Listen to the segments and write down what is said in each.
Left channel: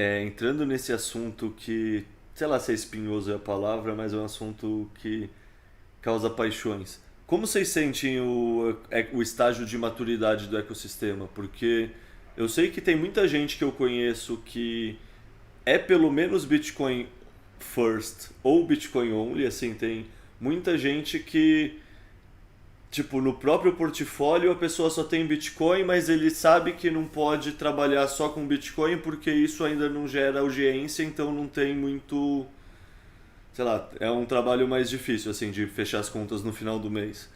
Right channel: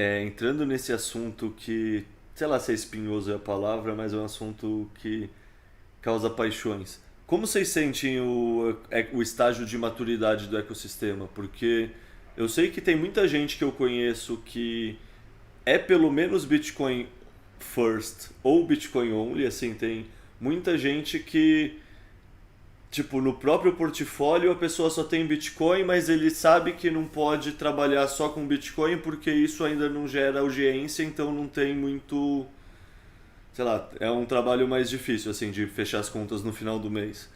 Entrando nesse assunto que, sei lá se é espinhoso é a palavra, mas é um assunto que causa paixões. Como vocês sentem o estágio de maturidade do ecossistema? Porque eu sei que tem muita gente que eu conheço que é pelo menos Bitcoin first ou Bitcoin only, assim, tem muita gente que, tipo, no próprio portfólio a pessoa só tem Bitcoin, mas ele sabe que não pode trabalhar só com Bitcoin porque isso ainda não gera audiência, então não tem muito, sei lá, é um trabalho mais difícil, assim, de fechar as contas no final do mês.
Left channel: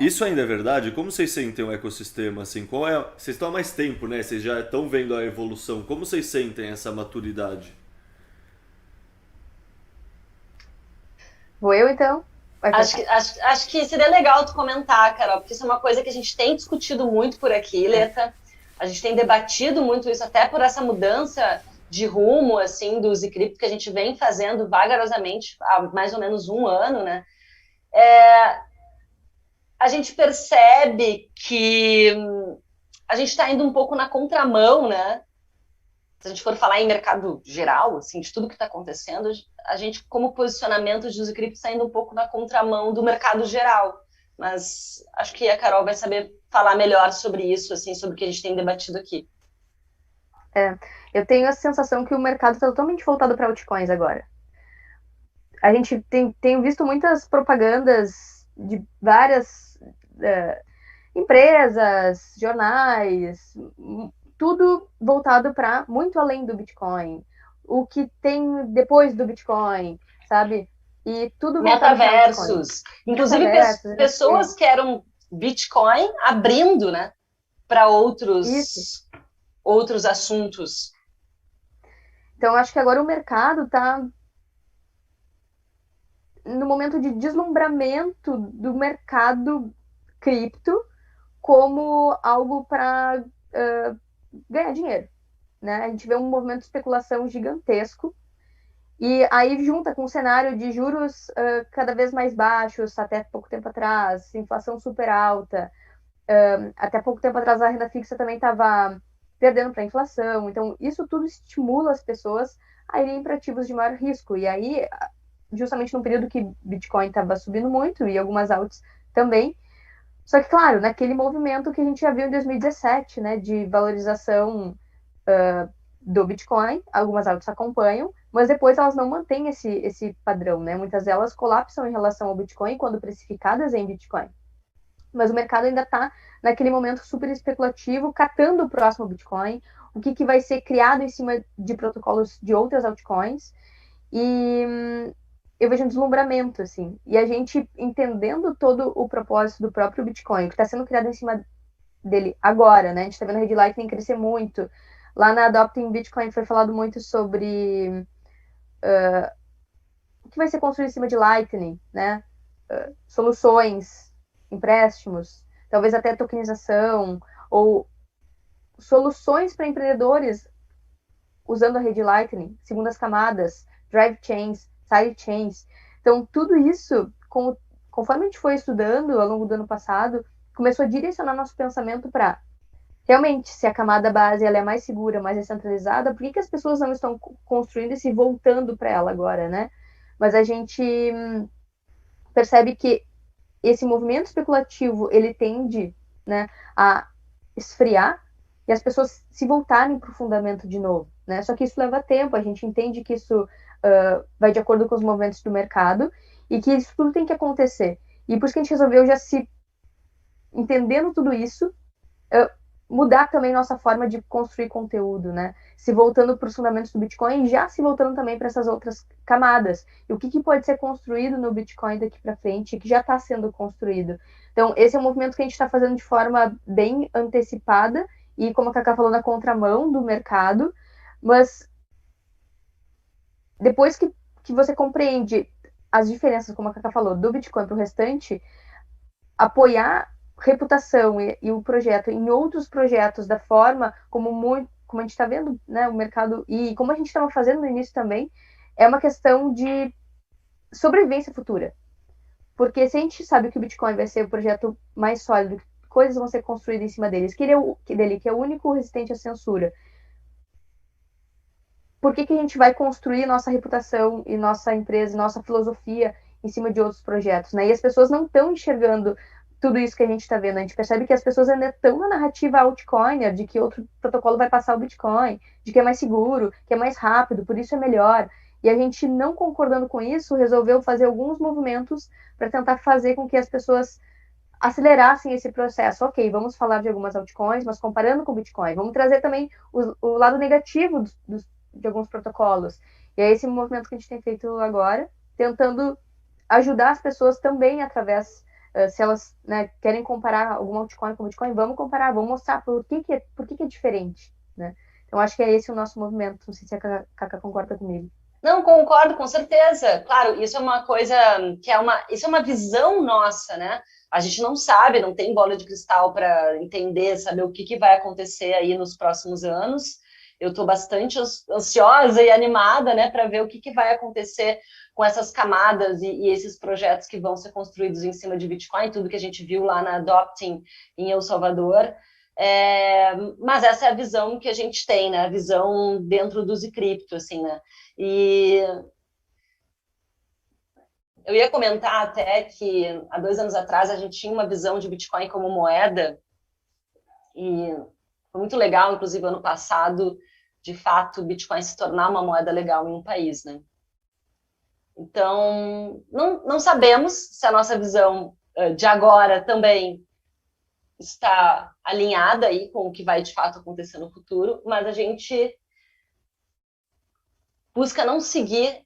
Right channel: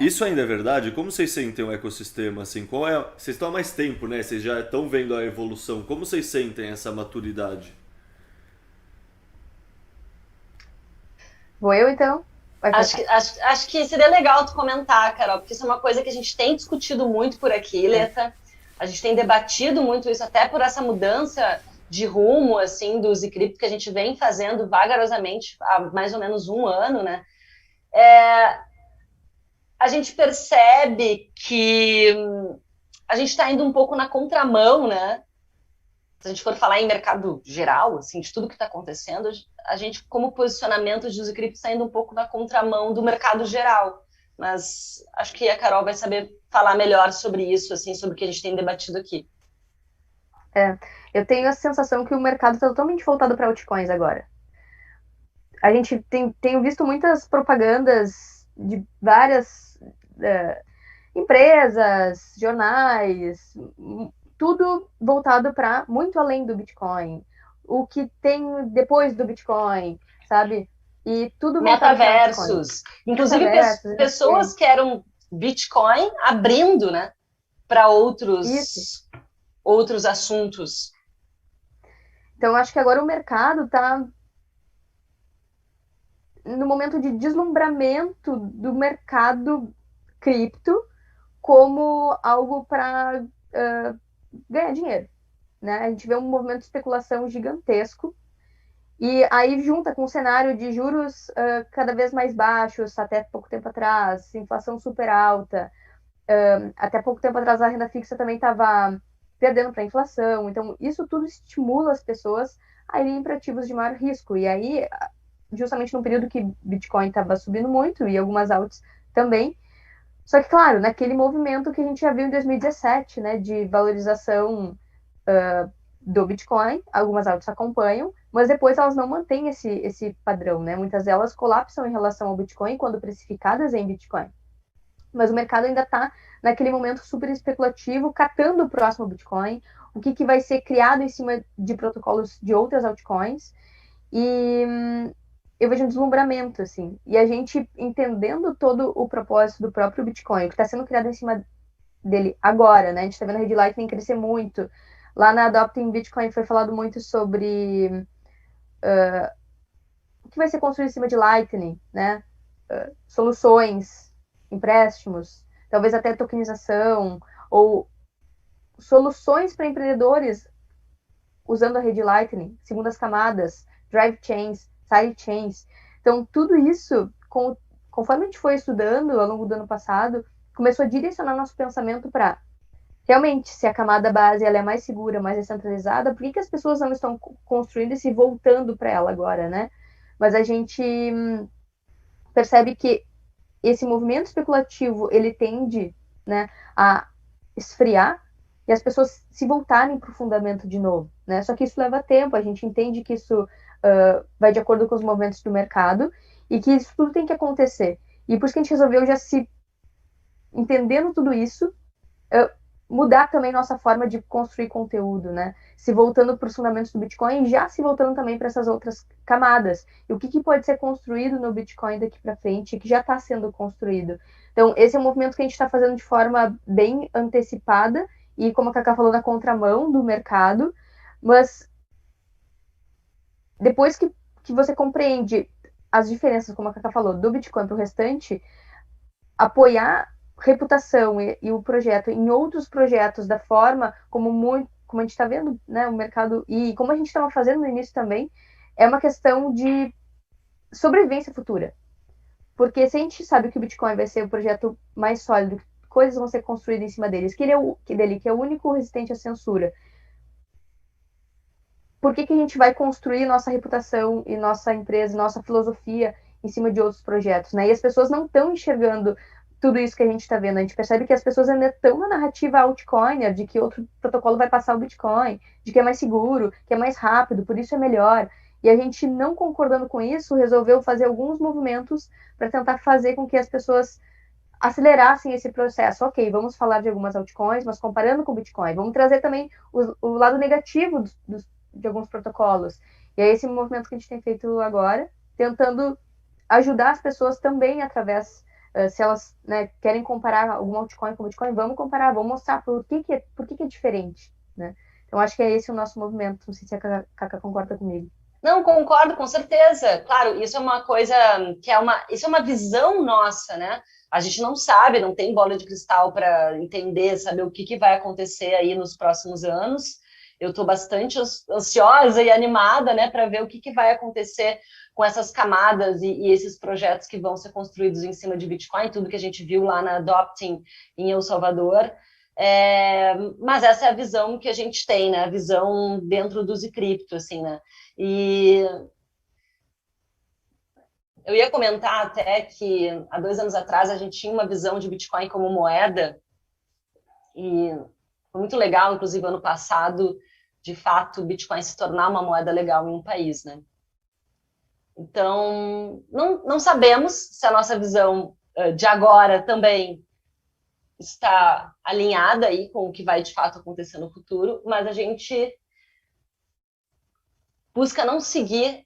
Isso ainda é verdade? Como vocês sentem o ecossistema, assim? Vocês estão há mais tempo, né? Vocês já estão vendo a evolução. Como vocês sentem essa maturidade? Vou eu, então? Vai começar. Acho que seria legal tu comentar, Carol, porque isso é uma coisa que a gente tem discutido muito por aqui, É. Leta. A gente tem debatido muito isso, até por essa mudança de rumo, assim, do Zcrypto que a gente vem fazendo vagarosamente há mais ou menos um ano, né? A gente percebe que a gente está indo um pouco na contramão, né? Se a gente for falar em mercado geral, assim, de tudo que está acontecendo, a gente, como posicionamento de uso cripto, está indo um pouco na contramão do mercado geral. Mas acho que a Carol vai saber falar melhor sobre isso, assim, sobre o que a gente tem debatido aqui. É. Eu tenho a sensação que o mercado está totalmente voltado para altcoins agora. A gente tem visto muitas propagandas de várias empresas, jornais, tudo voltado para muito além do Bitcoin. O que tem depois do Bitcoin, sabe? E tudo voltado para altcoin. Metaversos, inclusive Metaversos, pessoas NFT. que eram Bitcoin abrindo, né, para Isso. outros assuntos. Então, acho que agora o mercado está no momento de deslumbramento do mercado cripto como algo para ganhar dinheiro. Né? A gente vê um movimento de especulação gigantesco e aí junta com o cenário de juros cada vez mais baixos, até pouco tempo atrás, inflação super alta, até pouco tempo atrás a renda fixa também estava perdendo para a inflação, então isso tudo estimula as pessoas a irem para ativos de maior risco, e aí justamente no período que Bitcoin estava subindo muito e algumas altas também, só que claro, naquele movimento que a gente já viu em 2017, né, de valorização do Bitcoin, algumas altas acompanham, mas depois elas não mantêm esse padrão, né? Muitas delas colapsam em relação ao Bitcoin quando precificadas em Bitcoin. Mas o mercado ainda está naquele momento super especulativo, catando o próximo Bitcoin, o que vai ser criado em cima de protocolos de outras altcoins. E eu vejo um deslumbramento, assim. E a gente entendendo todo o propósito do próprio Bitcoin, o que está sendo criado em cima dele agora, né? A gente está vendo a Red Lightning crescer muito. Lá na Adopting Bitcoin foi falado muito sobre o que vai ser construído em cima de Lightning, né? Soluções, empréstimos, talvez até tokenização, ou soluções para empreendedores usando a rede Lightning, segundas camadas, drive chains, side chains. Então, tudo isso, conforme a gente foi estudando ao longo do ano passado, começou a direcionar nosso pensamento para realmente, se a camada base ela é mais segura, mais descentralizada, por que as pessoas não estão construindo e se voltando para ela agora, né? Mas a gente percebe que esse movimento especulativo ele tende, né, a esfriar e as pessoas se voltarem para o fundamento de novo, né? Só que isso leva tempo, a gente entende que isso vai de acordo com os movimentos do mercado e que isso tudo tem que acontecer. E por isso que a gente resolveu já se entendendo tudo isso, uh, mudar também nossa forma de construir conteúdo, né? Se voltando para os fundamentos do Bitcoin e já se voltando também para essas outras camadas. E o que pode ser construído no Bitcoin daqui para frente, que já está sendo construído. Então, esse é um movimento que a gente está fazendo de forma bem antecipada e, como a Cacá falou, na contramão do mercado. Mas depois que você compreende as diferenças, como a Cacá falou, do Bitcoin para o restante, apoiar reputação e o projeto em outros projetos da forma como a gente está vendo, né, o mercado e como a gente estava fazendo no início também, é uma questão de sobrevivência futura. Porque se a gente sabe que o Bitcoin vai ser o projeto mais sólido, coisas vão ser construídas em cima deles, que ele é que é o único resistente à censura. por que a gente vai construir nossa reputação e nossa empresa, nossa filosofia em cima de outros projetos, né? E as pessoas não estão enxergando tudo isso que a gente está vendo. A gente percebe que as pessoas ainda estão na narrativa altcoiner, de que outro protocolo vai passar o Bitcoin, de que é mais seguro, que é mais rápido, por isso é melhor. E a gente, não concordando com isso, resolveu fazer alguns movimentos para tentar fazer com que as pessoas acelerassem esse processo. Ok, vamos falar de algumas altcoins, mas comparando com o Bitcoin. Vamos trazer também o lado negativo de alguns protocolos. E é esse movimento que a gente tem feito agora, tentando ajudar as pessoas também através, se elas, né, querem comparar algum altcoin com o Bitcoin, vamos comparar, vamos mostrar por que é diferente, né? Então, acho que é esse o nosso movimento. Não sei se a Cacá concorda comigo. Não, concordo, com certeza. Claro, isso é uma coisa isso é uma visão nossa, né? A gente não sabe, não tem bola de cristal para entender, saber o que vai acontecer aí nos próximos anos. Eu estou bastante ansiosa e animada, né, para ver o que vai acontecer com essas camadas e esses projetos que vão ser construídos em cima de Bitcoin, tudo que a gente viu lá na Adopting em El Salvador. Mas essa é a visão que a gente tem, né? A visão dentro do Zcrypto, assim, né? E eu ia comentar até que há 2 anos atrás a gente tinha uma visão de Bitcoin como moeda, e foi muito legal, inclusive ano passado, de fato, o Bitcoin se tornar uma moeda legal em um país, né? Então, não sabemos se a nossa visão de agora também está alinhada aí com o que vai de fato acontecer no futuro, mas a gente busca não seguir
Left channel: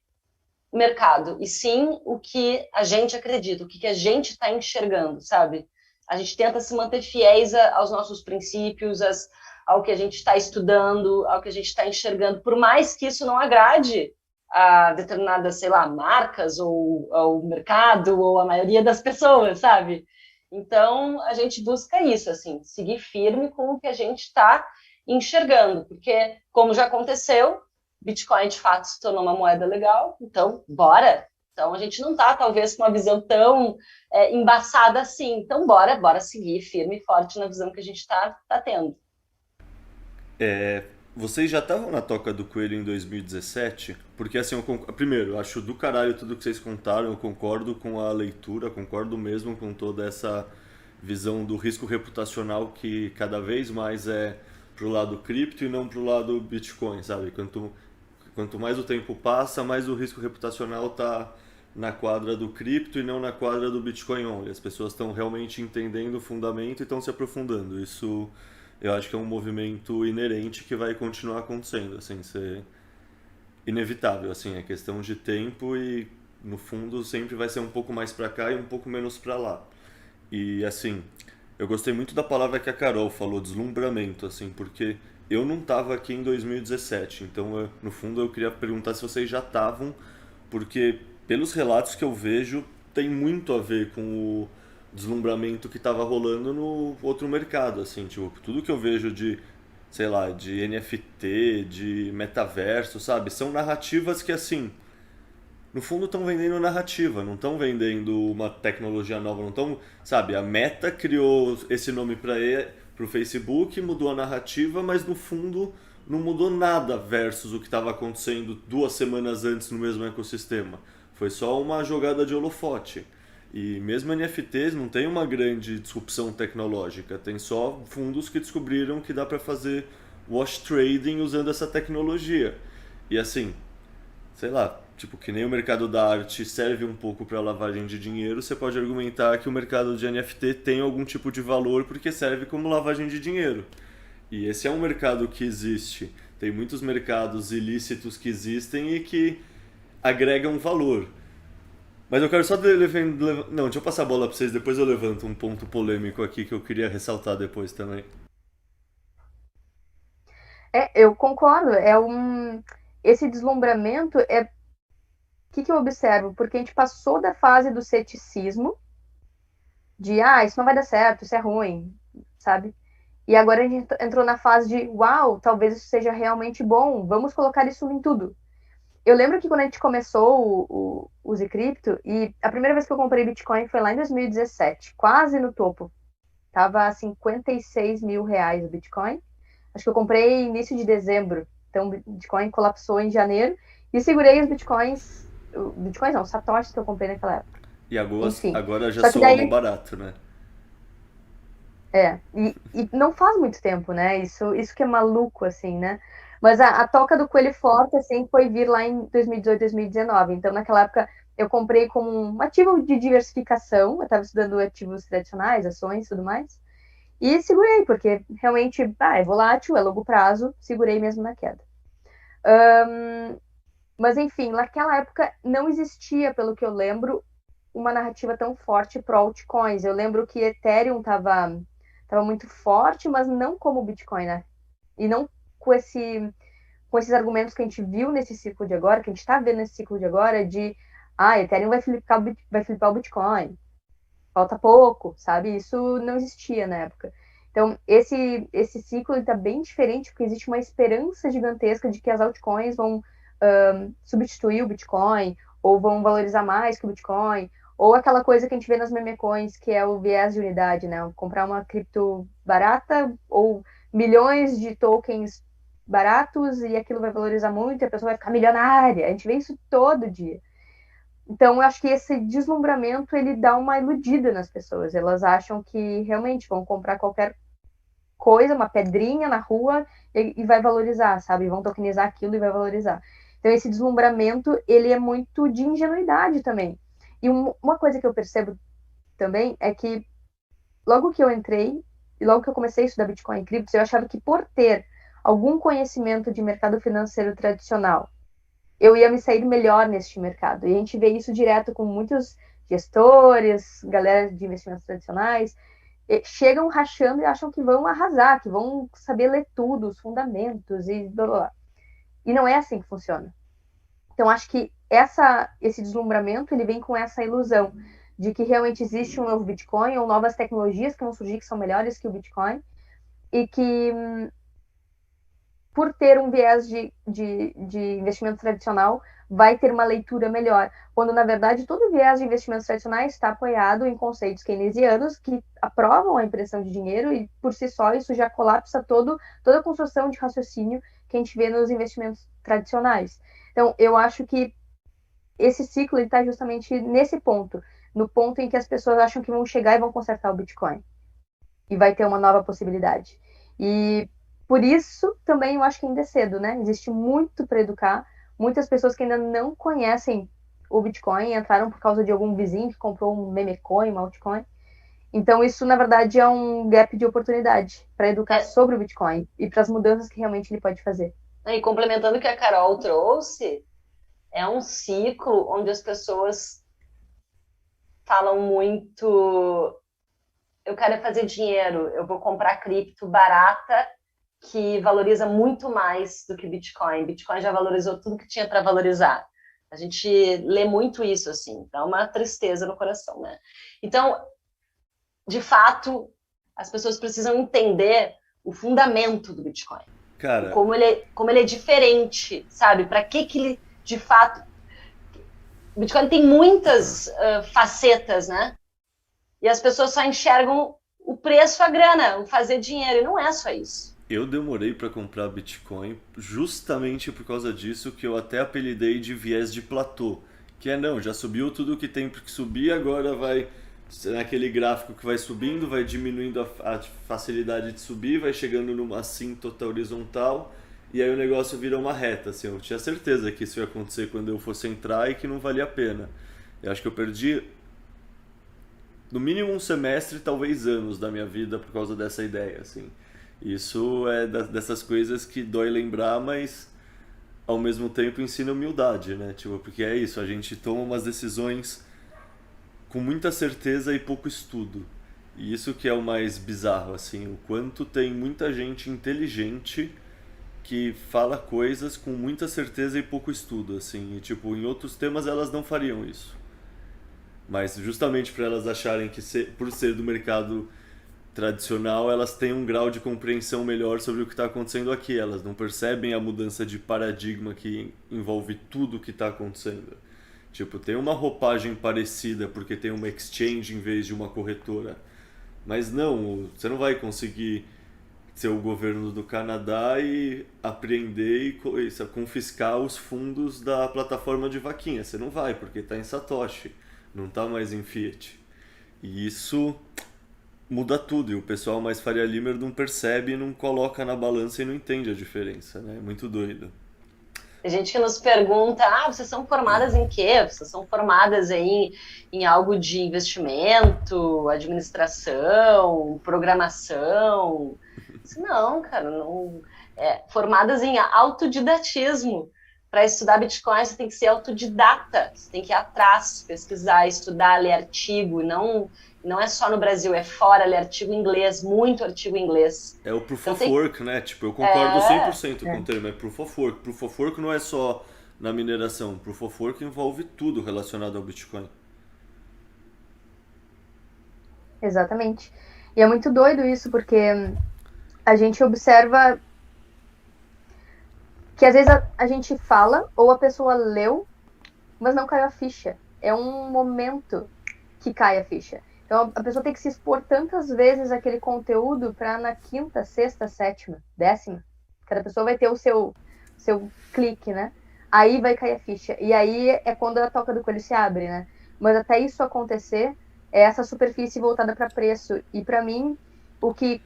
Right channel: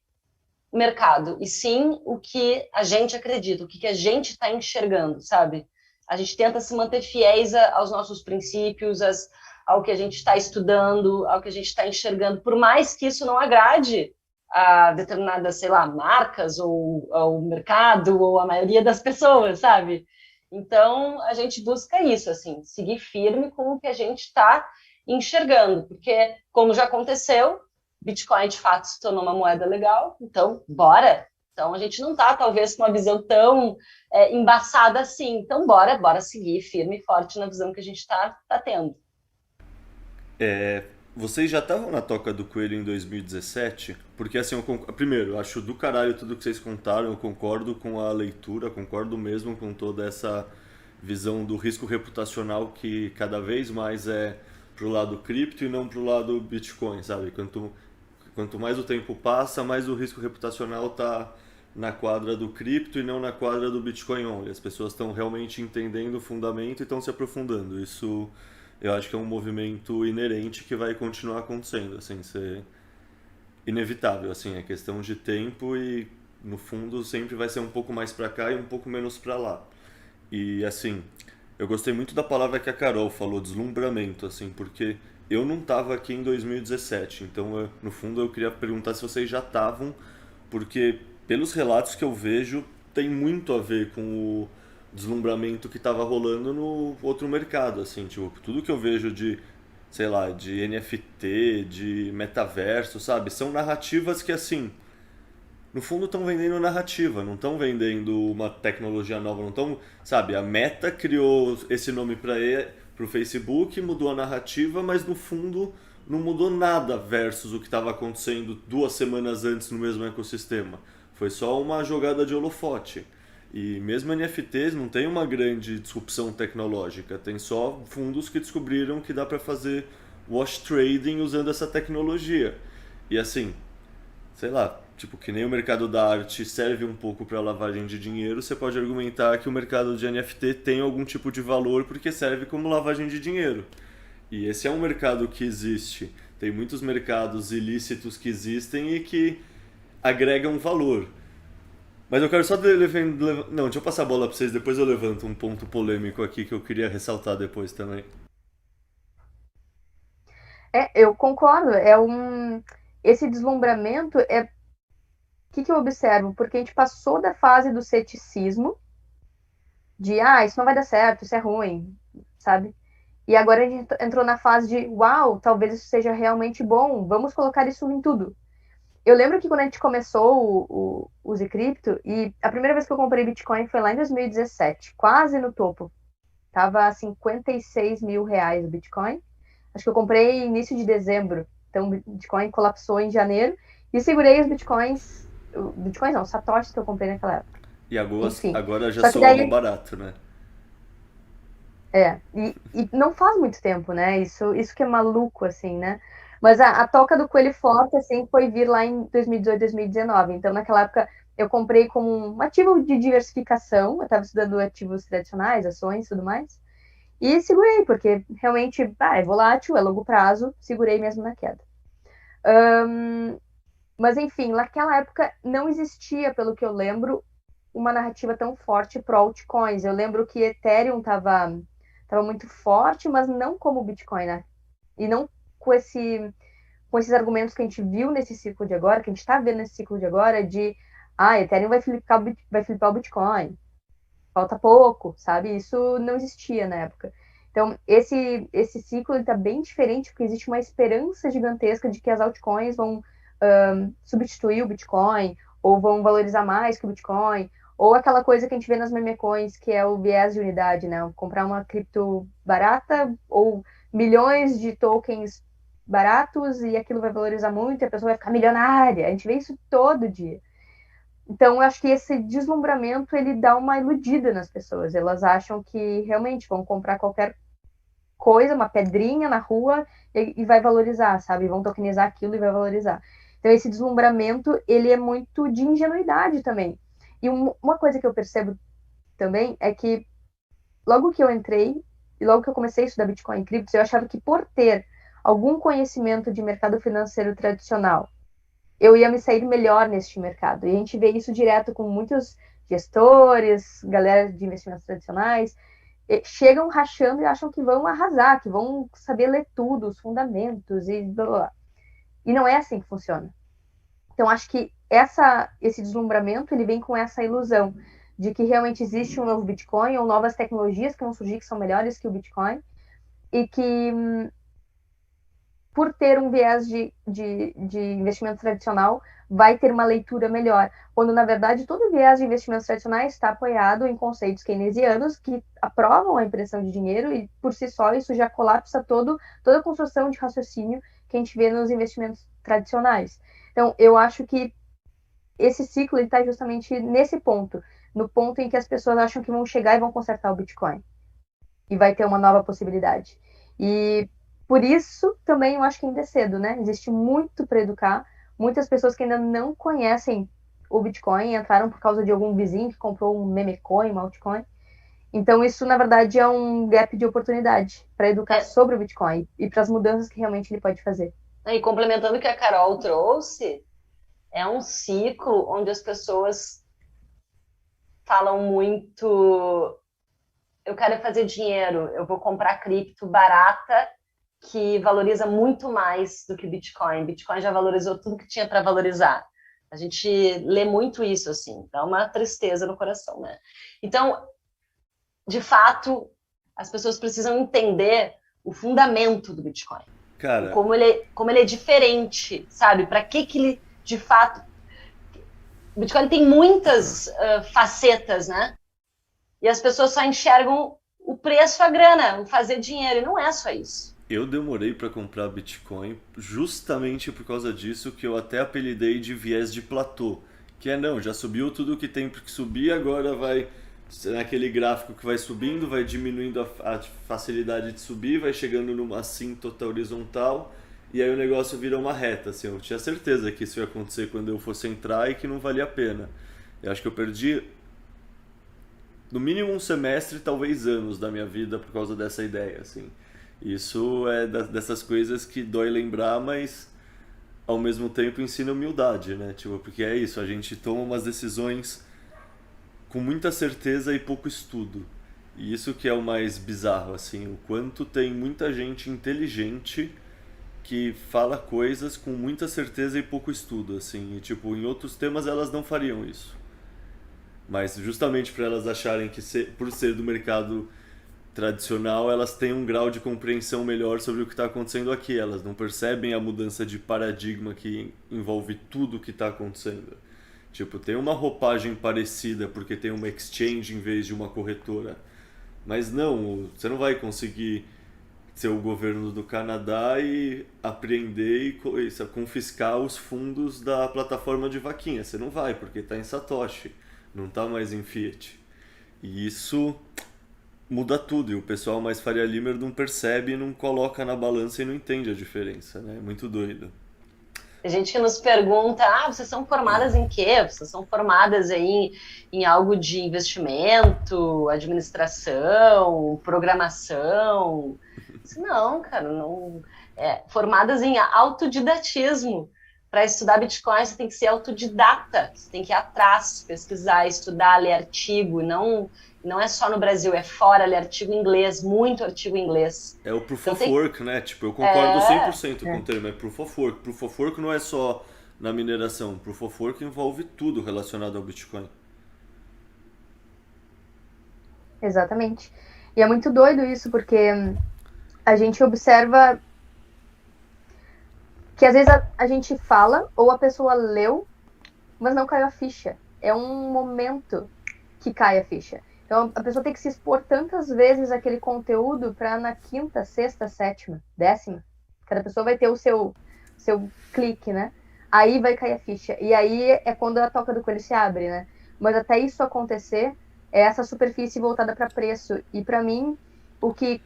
o mercado, e sim o que a gente acredita, o que a gente está enxergando, sabe? A gente tenta se manter fiéis aos nossos princípios, ao que a gente está estudando, ao que a gente está enxergando, por mais que isso não agrade a determinadas, sei lá, marcas, ou ao mercado, ou a maioria das pessoas, sabe? Então, a gente busca isso, assim, seguir firme com o que a gente está enxergando, porque, como já aconteceu, Bitcoin, de fato, se tornou uma moeda legal, então, bora! Então, a gente não está, talvez, com uma visão tão embaçada assim. Então, bora seguir firme e forte na visão que a gente está tendo. Vocês já estavam na Toca do Coelho em 2017? Porque, assim, primeiro, eu acho do caralho tudo que vocês contaram, eu concordo com a leitura, concordo mesmo com toda essa visão do risco reputacional que cada vez mais é pro lado cripto e não pro lado Bitcoin, sabe? Quanto mais o tempo passa, mais o risco reputacional tá na quadra do cripto e não na quadra do Bitcoin only. As pessoas estão realmente entendendo o fundamento e estão se aprofundando. Isso eu acho que é um movimento inerente que vai continuar acontecendo, assim, ser inevitável, assim, é questão de tempo e no fundo sempre vai ser um pouco mais para cá e um pouco menos para lá. E assim, eu gostei muito da palavra que a Carol falou, deslumbramento, assim, porque eu não estava aqui em 2017, então no fundo eu queria perguntar se vocês já estavam, porque pelos relatos que eu vejo tem muito a ver com o deslumbramento que estava rolando no outro mercado, assim, tipo, tudo que eu vejo de, sei lá, de NFT, de metaverso, sabe? São narrativas que, assim, no fundo estão vendendo narrativa, não estão vendendo uma tecnologia nova, não estão, sabe? A Meta criou esse nome para o Facebook, mudou a narrativa, mas no fundo não mudou nada versus o que estava acontecendo 2 semanas antes no mesmo ecossistema. Foi só uma jogada de holofote. E mesmo NFTs não tem uma grande disrupção tecnológica, tem só fundos que descobriram que dá para fazer wash trading usando essa tecnologia. E assim, sei lá, tipo, que nem o mercado da arte serve um pouco para lavagem de dinheiro, você pode argumentar que o mercado de NFT tem algum tipo de valor porque serve como lavagem de dinheiro. E esse é um mercado que existe. Tem muitos mercados ilícitos que existem e que agregam valor. Mas eu quero só não, deixa eu passar a bola pra vocês, depois eu levanto um ponto polêmico aqui que eu queria ressaltar depois também. Eu concordo. Esse deslumbramento é o que eu observo, porque a gente passou da fase do ceticismo, de isso não vai dar certo, isso é ruim, sabe? E agora a gente entrou na fase de uau, talvez isso seja realmente bom, vamos colocar isso em tudo. Eu lembro que quando a gente começou o Zcrypto, e a primeira vez que eu comprei Bitcoin foi lá em 2017, quase no topo. Tava a 56 mil reais o Bitcoin. Acho que eu comprei início de dezembro. Então, o Bitcoin colapsou em janeiro e segurei os Bitcoins não, satoshis que eu comprei naquela época. E Enfim. agora já Só que soa daí, mal barato, né? e não faz muito tempo, né? Isso que é maluco, assim, né? Mas a toca do coelho forte, assim, foi vir lá em 2018, 2019. Então, naquela época, eu comprei como um ativo de diversificação. Eu estava estudando ativos tradicionais, ações e tudo mais. E segurei, porque realmente é volátil, é longo prazo, segurei mesmo na queda. Mas, enfim, naquela época não existia, pelo que eu lembro, uma narrativa tão forte para altcoins. Eu lembro que Ethereum tava muito forte, mas não como o Bitcoin, né? E não com esses argumentos que a gente viu nesse ciclo de agora, que a gente está vendo nesse ciclo de agora, de Ethereum vai flipar o Bitcoin, falta pouco, sabe? Isso não existia na época. Então, esse ciclo está bem diferente, porque existe uma esperança gigantesca de que as altcoins vão substituir o Bitcoin, ou vão valorizar mais que o Bitcoin, ou aquela coisa que a gente vê nas meme coins, que é o viés de unidade, né? Comprar uma cripto barata, ou milhões de tokens baratos, e aquilo vai valorizar muito, e a pessoa vai ficar milionária. A gente vê isso todo dia. Então, eu acho que esse deslumbramento, ele dá uma iludida nas pessoas. Elas acham que realmente vão comprar qualquer coisa, uma pedrinha na rua e vai valorizar, sabe? Vão tokenizar aquilo e vai valorizar. Então, esse deslumbramento, ele é muito de ingenuidade também. E uma coisa que eu percebo também é que logo que eu entrei e logo que eu comecei a estudar Bitcoin e criptos, eu achava que por ter algum conhecimento de mercado financeiro tradicional, eu ia me sair melhor neste mercado. E a gente vê isso direto com muitos gestores, galera de investimentos tradicionais, chegam rachando e acham que vão arrasar, que vão saber ler tudo, os fundamentos e blá blá blá. E não é assim que funciona. Então, acho que esse deslumbramento, ele vem com essa ilusão de que realmente existe um novo Bitcoin ou novas tecnologias que vão surgir que são melhores que o Bitcoin e que por ter um viés de investimento tradicional, vai ter uma leitura melhor. Quando, na verdade, todo viés de investimentos tradicionais está apoiado em conceitos keynesianos que aprovam a impressão de dinheiro e, por si só, isso já colapsa toda a construção de raciocínio que a gente vê nos investimentos tradicionais. Então, eu acho que esse ciclo está justamente nesse ponto, no ponto em que as pessoas acham que vão chegar e vão consertar o Bitcoin. E vai ter uma nova possibilidade. E por isso também eu acho que ainda é cedo, né? Existe muito para educar. Muitas pessoas que ainda não conhecem o Bitcoin entraram por causa de algum vizinho que comprou um meme coin, um altcoin. Então isso, na verdade, é um gap de oportunidade para educar sobre o Bitcoin e para as mudanças que realmente ele pode fazer. E complementando o que a Carol trouxe, é um ciclo onde as pessoas falam muito: eu quero fazer dinheiro, eu vou comprar cripto barata que valoriza muito mais do que Bitcoin. Bitcoin já valorizou tudo que tinha para valorizar. A gente lê muito isso, assim, dá uma tristeza no coração, né? Então, de fato, as pessoas precisam entender o fundamento do Bitcoin. Cara, como ele é diferente, sabe? Para que ele, de fato... O Bitcoin tem muitas facetas, né? E as pessoas só enxergam o preço, a grana, o fazer dinheiro, e não é só isso. eu demorei para comprar Bitcoin justamente por causa disso, que eu até apelidei de viés de platô. Que é, não, já subiu tudo que tem que subir, agora vai naquele gráfico que vai subindo, vai diminuindo a facilidade de subir, vai chegando numa assíntota horizontal, e aí o negócio vira uma reta. Assim, eu tinha certeza que isso ia acontecer quando eu fosse entrar e que não valia a pena. Eu acho que eu perdi no mínimo um semestre, talvez anos da minha vida por causa dessa ideia, assim. Isso é dessas coisas que dói lembrar, mas ao mesmo tempo ensina humildade, né? Tipo, porque é isso, a gente toma umas decisões com muita certeza e pouco estudo. E isso que é o mais bizarro, assim, o quanto tem muita gente inteligente que fala coisas com muita certeza e pouco estudo, assim, e tipo, em outros temas elas não fariam isso. Mas justamente para elas acharem que por ser do mercado tradicional, elas têm um grau de compreensão melhor sobre o que está acontecendo aqui. Elas não percebem a mudança de paradigma que envolve tudo o que está acontecendo. Tipo, tem uma roupagem parecida porque tem uma exchange em vez de uma corretora. Mas não, você não vai conseguir ser o governo do Canadá e apreender e confiscar os fundos da plataforma de vaquinha. Você não vai, porque está em Satoshi, não está mais em Fiat. E isso muda tudo, e o pessoal mais Faria Limer não percebe, não coloca na balança e não entende a diferença, né? É muito doido. Tem gente que nos pergunta, vocês são formadas em quê? Vocês são formadas aí em algo de investimento, administração, programação? Não, cara, não. Formadas em autodidatismo. Para estudar Bitcoin, você tem que ser autodidata, você tem que ir atrás, pesquisar, estudar, ler artigo, não é só no Brasil, é fora, ler artigo em inglês, muito artigo em inglês. É o Proof of Work, né? Tipo, eu concordo 100% com o termo, é Proof of Work. Proof of Work não é só na mineração, Proof of Work envolve tudo relacionado ao Bitcoin. Exatamente. E é muito doido isso, porque a gente observa que às vezes a gente fala, ou a pessoa leu, mas não caiu a ficha. É um momento que cai a ficha. Então a pessoa tem que se expor tantas vezes àquele conteúdo para na quinta, sexta, sétima, décima, cada pessoa vai ter o seu clique, né? Aí vai cair a ficha. E aí é quando a toca do coelho se abre, né? Mas até isso acontecer, é essa superfície voltada para preço. E para mim, o que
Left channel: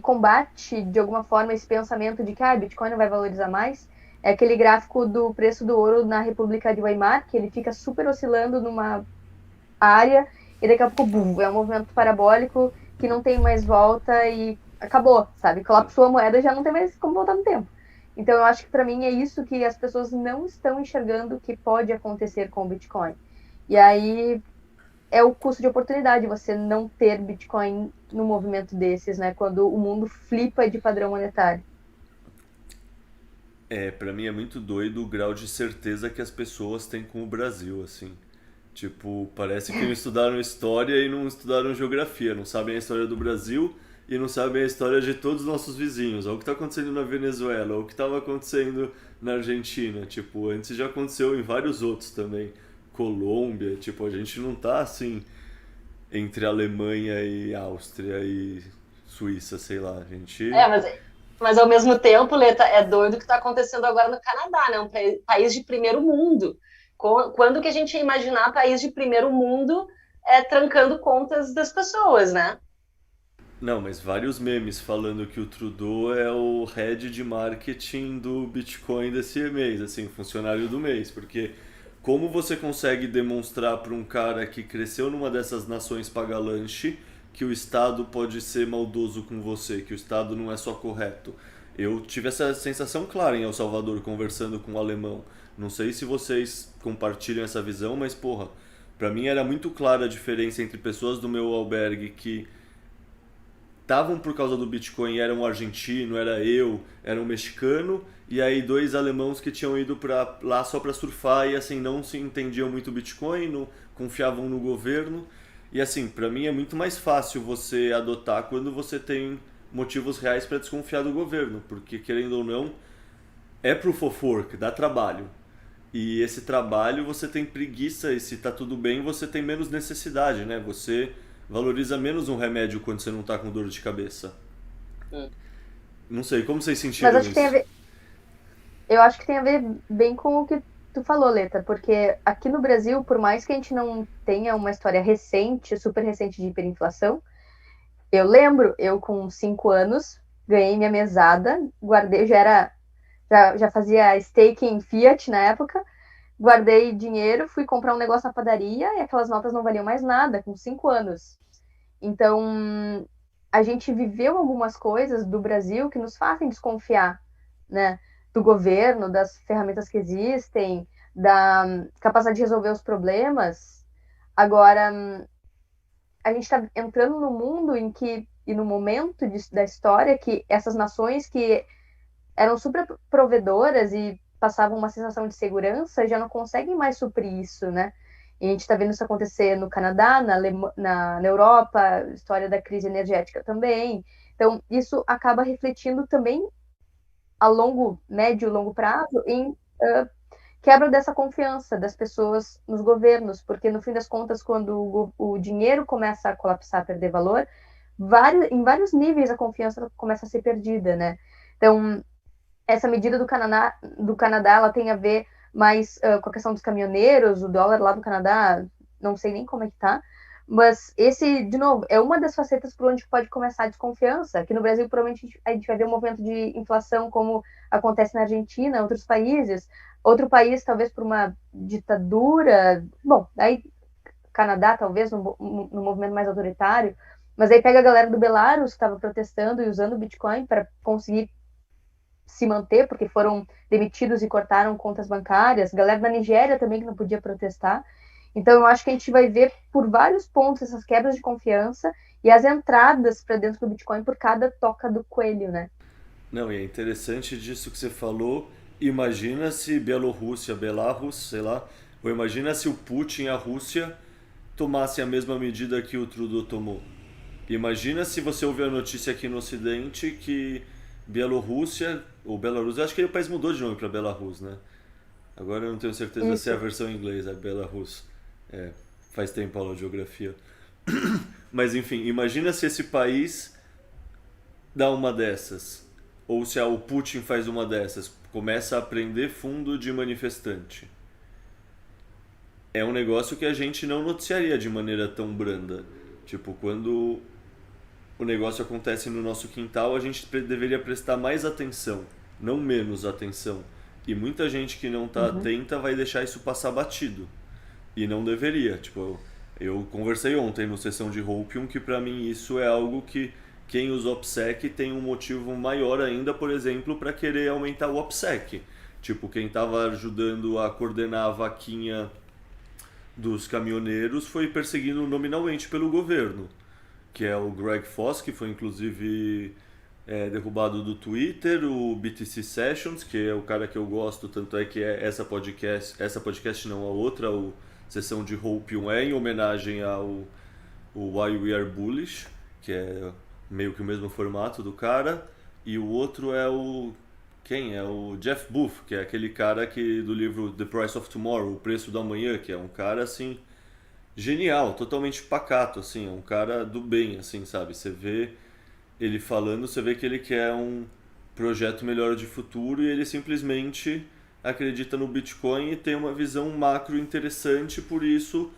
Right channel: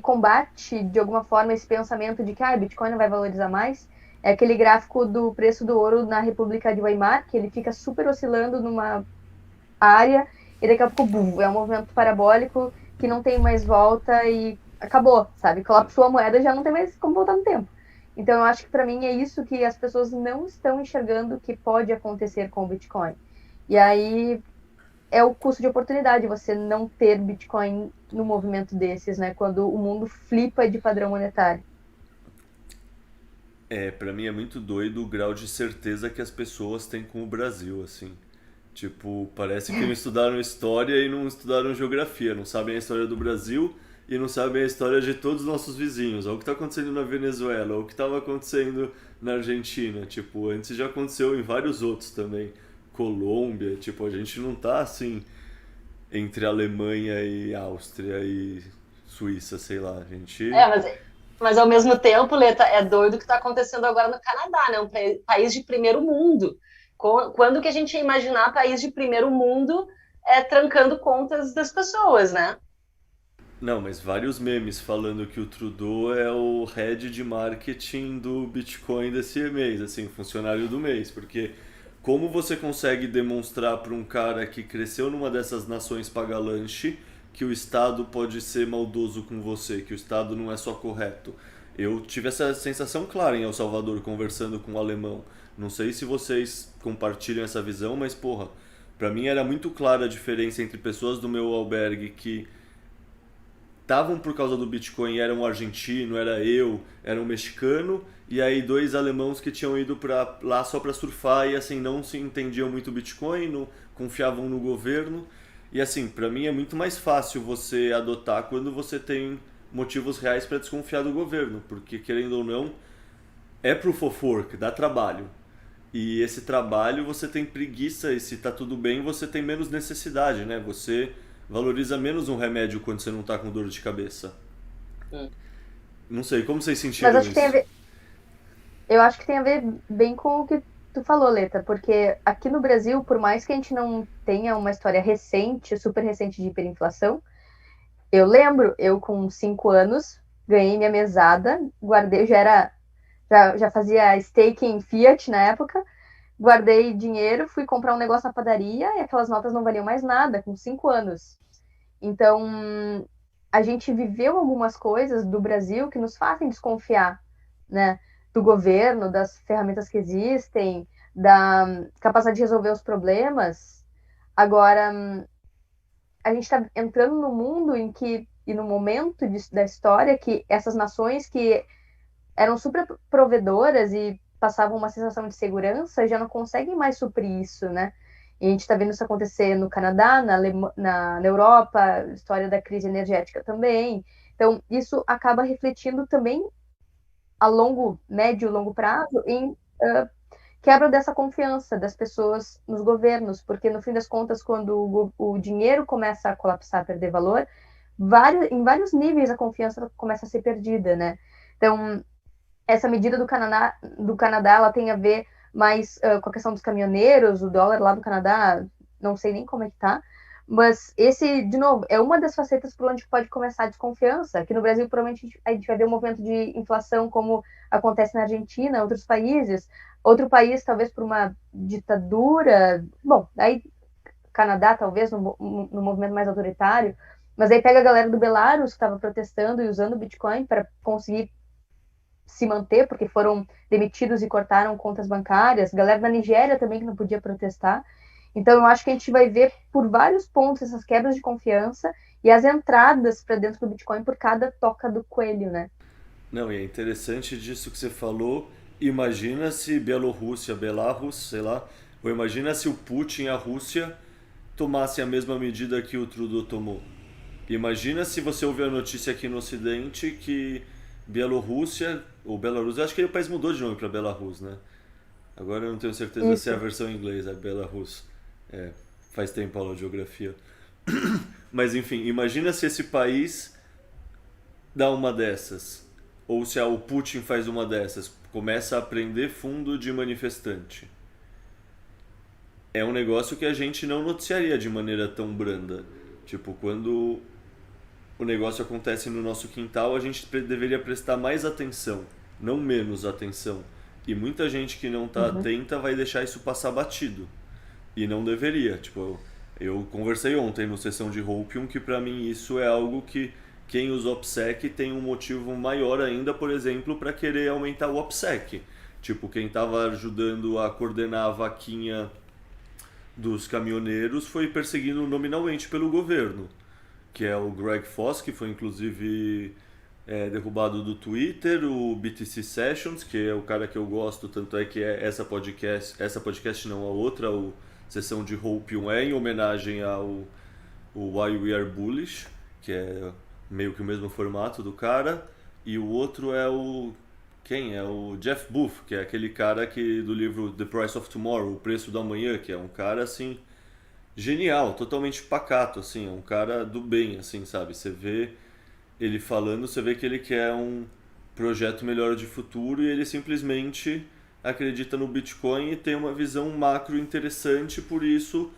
combate, de alguma forma, esse pensamento de que Bitcoin não vai valorizar mais, é aquele gráfico do preço do ouro na República de Weimar, que ele fica super oscilando numa área, e daqui a pouco, bum, é um movimento parabólico que não tem mais volta e acabou, sabe? Colapsou a moeda e já não tem mais como voltar no tempo. Então, eu acho que para mim é isso que as pessoas não estão enxergando que pode acontecer com o Bitcoin. E aí é o custo de oportunidade você não ter Bitcoin num movimento desses, né? Quando o mundo flipa de padrão monetário. Pra mim é muito doido o grau de certeza que as pessoas têm com o Brasil, assim. Tipo, parece que não estudaram história e não estudaram geografia, não sabem a história do Brasil e não sabem a história de todos os nossos vizinhos. Olha o que está acontecendo na Venezuela, olha o que estava acontecendo na Argentina. Tipo, antes já aconteceu em vários outros também. Colômbia, tipo, a gente não tá assim entre Alemanha e Áustria e Suíça, sei lá, a gente... Mas ao mesmo tempo, Leta, é doido o que está acontecendo agora no Canadá, né? Um país de primeiro mundo. Quando que a gente ia imaginar país de primeiro mundo trancando contas das pessoas, né? Não, mas vários memes falando que o Trudeau é o head de marketing do Bitcoin desse mês, assim, funcionário do mês, porque como você consegue demonstrar para um cara que cresceu numa dessas nações paga-lanche que o Estado pode ser maldoso com você, que o Estado não é só correto? Eu tive essa sensação clara em El Salvador conversando com um alemão. Não sei se vocês compartilham essa visão, mas porra, pra mim era muito clara a diferença entre pessoas do meu albergue que estavam por causa do Bitcoin, era um argentino, era um mexicano, e aí dois alemãos que tinham ido lá só para surfar e assim não se entendiam muito Bitcoin, não confiavam no governo. E assim, para mim é muito mais fácil você adotar quando você tem motivos reais para desconfiar do governo, porque querendo ou não, é proof of work, dá trabalho. E esse trabalho você tem preguiça e se tá tudo bem, você tem menos necessidade, né? Você valoriza menos um remédio quando você não tá com dor de cabeça. Não sei, como vocês sentiram isso? Eu acho que tem a ver bem com o que tu falou, Leta, porque aqui no Brasil, por mais que a gente não tenha uma história recente, super recente de hiperinflação, eu lembro, eu com 5 anos, ganhei minha mesada, guardei, já fazia stake em Fiat na época, guardei dinheiro, fui comprar um negócio na padaria e aquelas notas não valiam mais nada, com 5 anos. Então, a gente viveu algumas coisas do Brasil que nos fazem desconfiar, né? Do governo, das ferramentas que existem, da capacidade de resolver os problemas. Agora, a gente está entrando no mundo e no momento da história que essas nações que eram super provedoras e passavam uma sensação de segurança já não conseguem mais suprir isso, né? E a gente está vendo isso acontecer no Canadá, na Europa, história da crise energética também. Então, isso acaba refletindo também a médio e longo prazo em quebra dessa confiança das pessoas nos governos, porque no fim das contas, quando o dinheiro começa a colapsar, a perder valor, em vários níveis a confiança começa a ser perdida, né? Então, essa medida do Canadá ela tem a ver mais com a questão dos caminhoneiros, o dólar lá do Canadá, não sei nem como é que tá, mas esse, de novo, é uma das facetas por onde pode começar a desconfiança. Aqui no Brasil, provavelmente, a gente vai ver um movimento de inflação como acontece na Argentina, outros países. Outro país, talvez por uma ditadura. Bom, aí Canadá, talvez, no movimento mais autoritário. Mas aí pega a galera do Belarus, que estava protestando e usando o Bitcoin para conseguir se manter, porque foram demitidos e cortaram contas bancárias. Galera da Nigéria também, que não podia protestar. Então, eu acho que a gente vai ver por vários pontos essas quebras de confiança e as entradas para dentro do Bitcoin por cada toca do coelho, né? Não, e é interessante disso que você falou. Imagina se Belarus, sei lá, ou imagina se o Putin e a Rússia tomassem a mesma medida que o Trudeau tomou. Imagina se você ouviu a notícia aqui no Ocidente que Bielorrússia, ou Belarus, eu acho que o país mudou de nome para Belarus, né? Agora eu não tenho certeza se é a versão em inglês, é Belarus. É, faz tempo aula de geografia. Mas enfim, imagina se esse país dá uma dessas. Ou se o Putin faz uma dessas. Começa a prender fundo de manifestante. É um negócio que a gente não noticiaria de maneira tão branda. Tipo, quando o negócio acontece no nosso quintal, a gente deveria prestar mais atenção, não menos atenção. E muita gente que não está atenta vai deixar isso passar batido. E não deveria. Tipo, eu conversei ontem no sessão de Hopium que pra mim isso é algo que quem usa OPSEC tem um motivo maior ainda, por exemplo, para querer aumentar o OPSEC. Tipo, quem estava ajudando a coordenar a vaquinha dos caminhoneiros foi perseguido nominalmente pelo governo, que é o Greg Foss, que foi inclusive derrubado do Twitter, o BTC Sessions, que é o cara que eu gosto, tanto é que essa podcast não, a outra, o Sessão de Hopium é em homenagem ao Why We Are Bullish, que é meio que o mesmo formato do cara, e o outro é o Jeff Booth, que é aquele cara do livro The Price of Tomorrow, O Preço do Amanhã, que é um cara assim genial, totalmente pacato, assim, é um cara do bem, assim, sabe? Você vê ele falando, você vê que ele quer um projeto melhor de futuro e ele simplesmente acredita no Bitcoin e tem uma visão macro interessante, por isso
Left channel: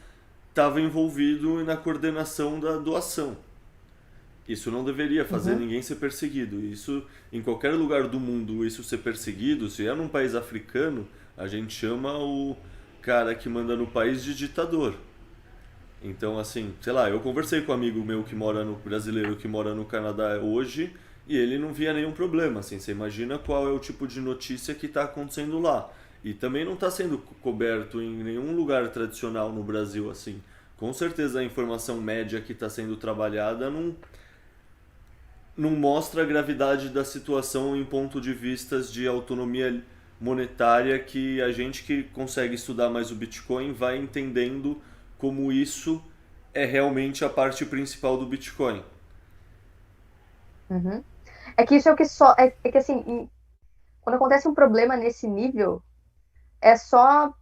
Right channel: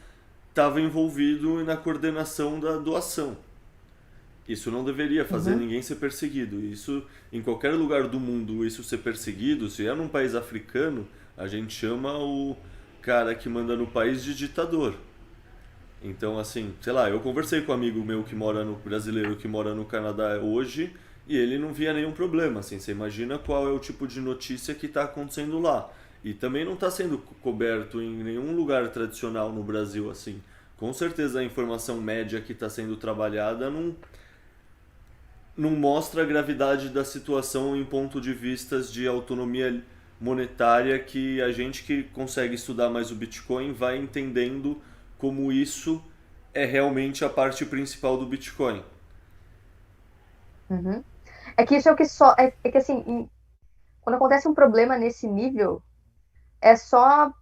estava envolvido na coordenação da doação. Isso não deveria fazer ninguém ser perseguido. Isso, em qualquer lugar do mundo, isso ser perseguido, se é num país africano, a gente chama o cara que manda no país de ditador. Então, assim, sei lá, eu conversei com um amigo meu brasileiro que mora no Canadá hoje e ele não via nenhum problema, assim, você imagina qual é o tipo de notícia que está acontecendo lá. E também não está sendo coberto em nenhum lugar tradicional no Brasil, assim. Com certeza a informação média que está sendo trabalhada não mostra a gravidade da situação em ponto de vistas de autonomia monetária que a gente que consegue estudar mais o Bitcoin vai entendendo como isso é realmente a parte principal do Bitcoin. É que isso é o que só. É que assim, quando acontece um problema nesse nível, é só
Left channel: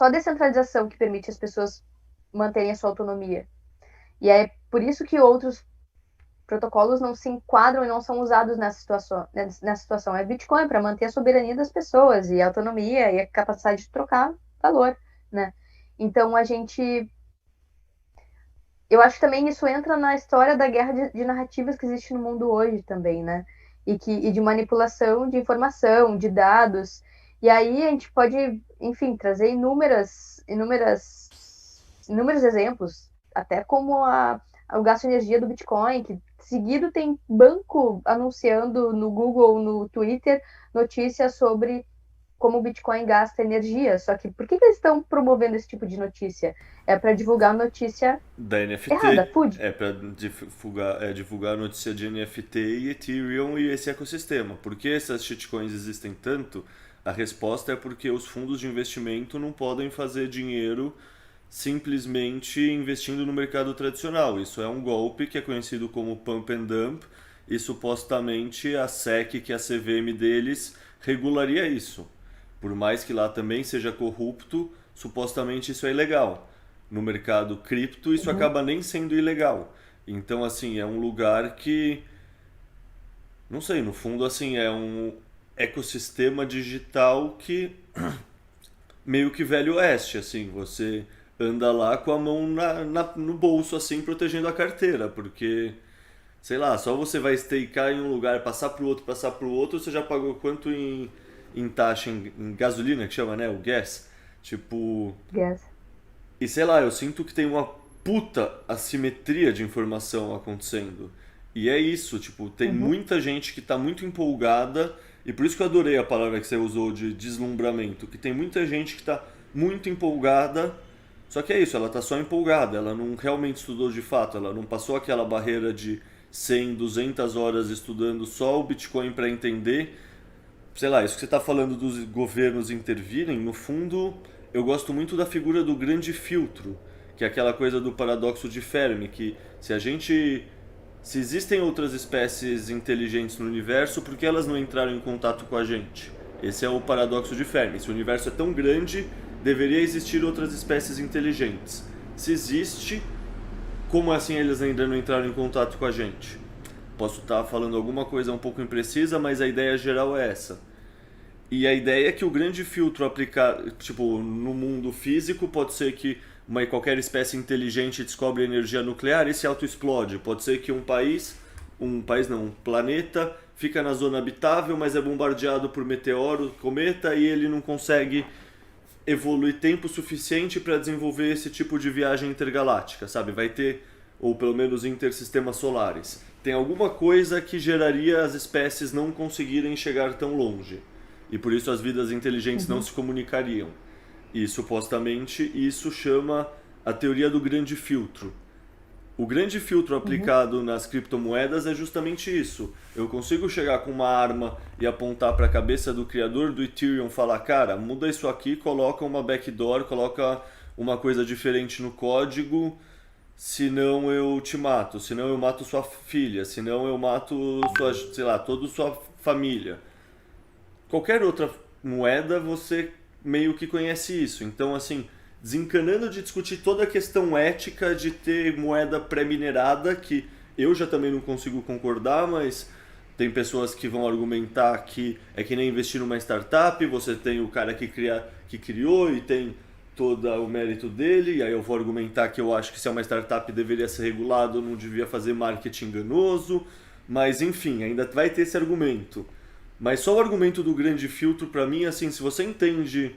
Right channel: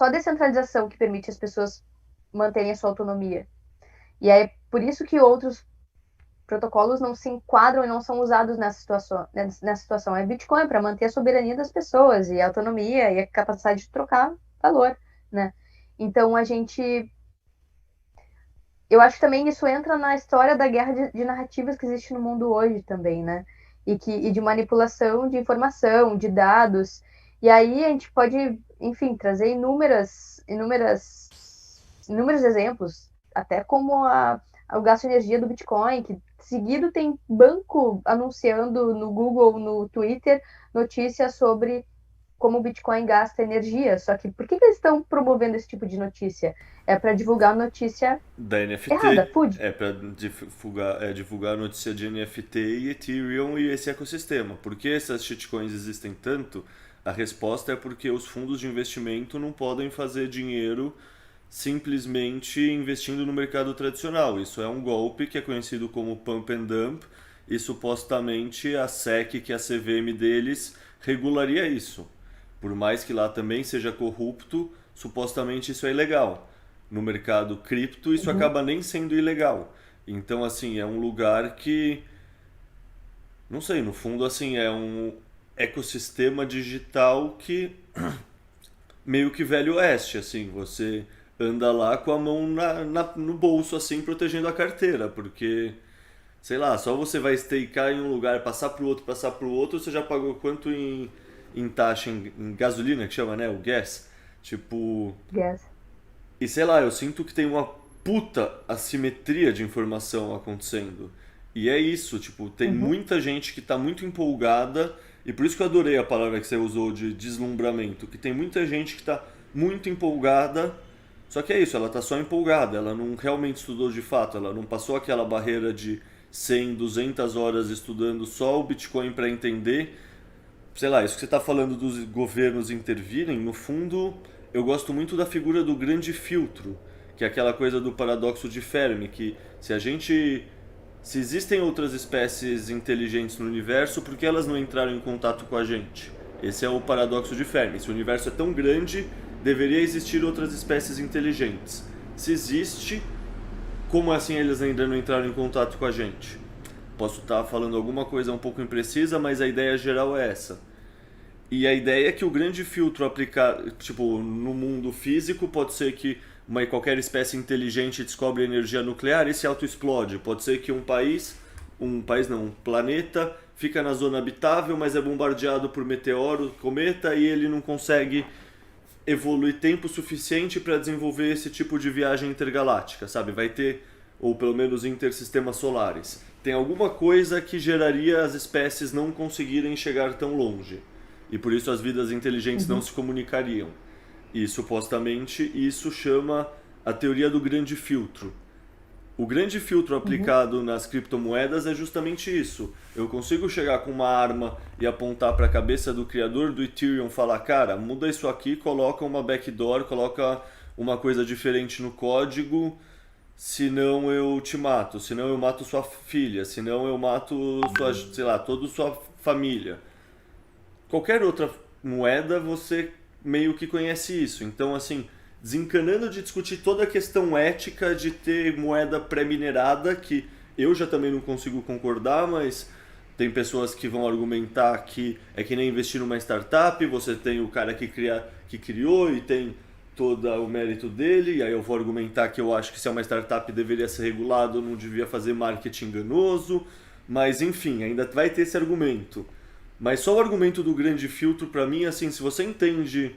a descentralização que permite as pessoas manterem a sua autonomia. E é por isso que outros protocolos não se enquadram e não são usados nessa situação. É Bitcoin para manter a soberania das pessoas e a autonomia e a capacidade de trocar valor, né? Então eu acho que também isso entra na história da guerra de narrativas que existe no mundo hoje também, né? E de manipulação de informação, de dados. E aí a gente pode, enfim, trazer inúmeros exemplos, até como o gasto de energia do Bitcoin, que seguido tem banco anunciando no Google, no Twitter, notícias sobre como o Bitcoin gasta energia. Só que por que eles estão promovendo esse tipo de notícia? É para divulgar notícia da NFT. errada, PUD. É para divulgar a notícia de NFT e Ethereum e esse ecossistema. Por que essas shitcoins existem tanto? A resposta é porque os fundos de investimento não podem fazer dinheiro simplesmente investindo no mercado tradicional. Isso é um golpe que é conhecido como pump and dump e supostamente a SEC, que é a CVM deles, regularia isso. Por mais que lá também seja corrupto, supostamente isso é ilegal. No mercado cripto isso acaba nem sendo ilegal. Então, assim, é um lugar que, não sei, no fundo, assim, é um ecossistema digital que meio que velho oeste, assim, você anda lá com a mão no bolso, assim, protegendo a carteira, porque, sei lá, só você vai stakear em um lugar, passar pro outro, você já pagou quanto em taxa, em gasolina, que chama, né, o gas? Tipo, Yes. e sei lá, eu sinto que tem uma puta assimetria de informação acontecendo. E é isso, tipo, tem Uhum. muita gente que tá muito empolgada, e por isso que eu adorei a palavra que você usou de deslumbramento, que tem muita gente que tá muito empolgada, só que é isso, ela tá só empolgada, ela não realmente estudou de fato, ela não passou aquela barreira de 100, 200 horas estudando só o Bitcoin para entender. Sei lá, isso que você está falando dos governos intervirem, no fundo, eu gosto muito da figura do grande filtro, que é aquela coisa do paradoxo de Fermi, que se existem outras espécies inteligentes no universo, por que elas não entraram em contato com a gente? Esse é o paradoxo de Fermi. Se o universo é tão grande, deveria existir outras espécies inteligentes. Se existe, como assim eles ainda não entraram em contato com a gente? Posso estar falando alguma coisa um pouco imprecisa, mas a ideia geral é essa. E a ideia é que o grande filtro aplicado, tipo, no mundo físico, pode ser que qualquer espécie inteligente descobre energia nuclear e se autoexplode. Pode ser que um planeta fica na zona habitável, mas é bombardeado por meteoro, cometa, e ele não consegue evoluir tempo suficiente para desenvolver esse tipo de viagem intergaláctica, sabe? Vai ter, ou pelo menos intersistemas solares. Tem alguma coisa que geraria as espécies não conseguirem chegar tão longe. E por isso as vidas inteligentes não Uhum. se comunicariam. E supostamente isso chama a teoria do grande filtro. O grande filtro Uhum. aplicado nas criptomoedas é justamente isso. Eu consigo chegar com uma arma e apontar para a cabeça do criador do Ethereum e falar, cara, muda isso aqui, coloca uma backdoor, coloca uma coisa diferente no código, senão eu te mato, senão eu mato sua filha, senão eu mato sua, sei lá, toda sua família. Qualquer outra moeda você meio que conhece isso. Então, assim, desencanando de discutir toda a questão ética de ter moeda pré-minerada, que eu já também não consigo concordar, mas tem pessoas que vão argumentar que é que nem investir numa startup, você tem o cara que criou e tem todo o mérito dele, e aí eu vou argumentar que eu acho que se é uma startup deveria ser regulado, não devia fazer marketing enganoso, mas enfim, ainda vai ter esse argumento. Mas só o argumento do grande filtro, para mim, assim, se você entende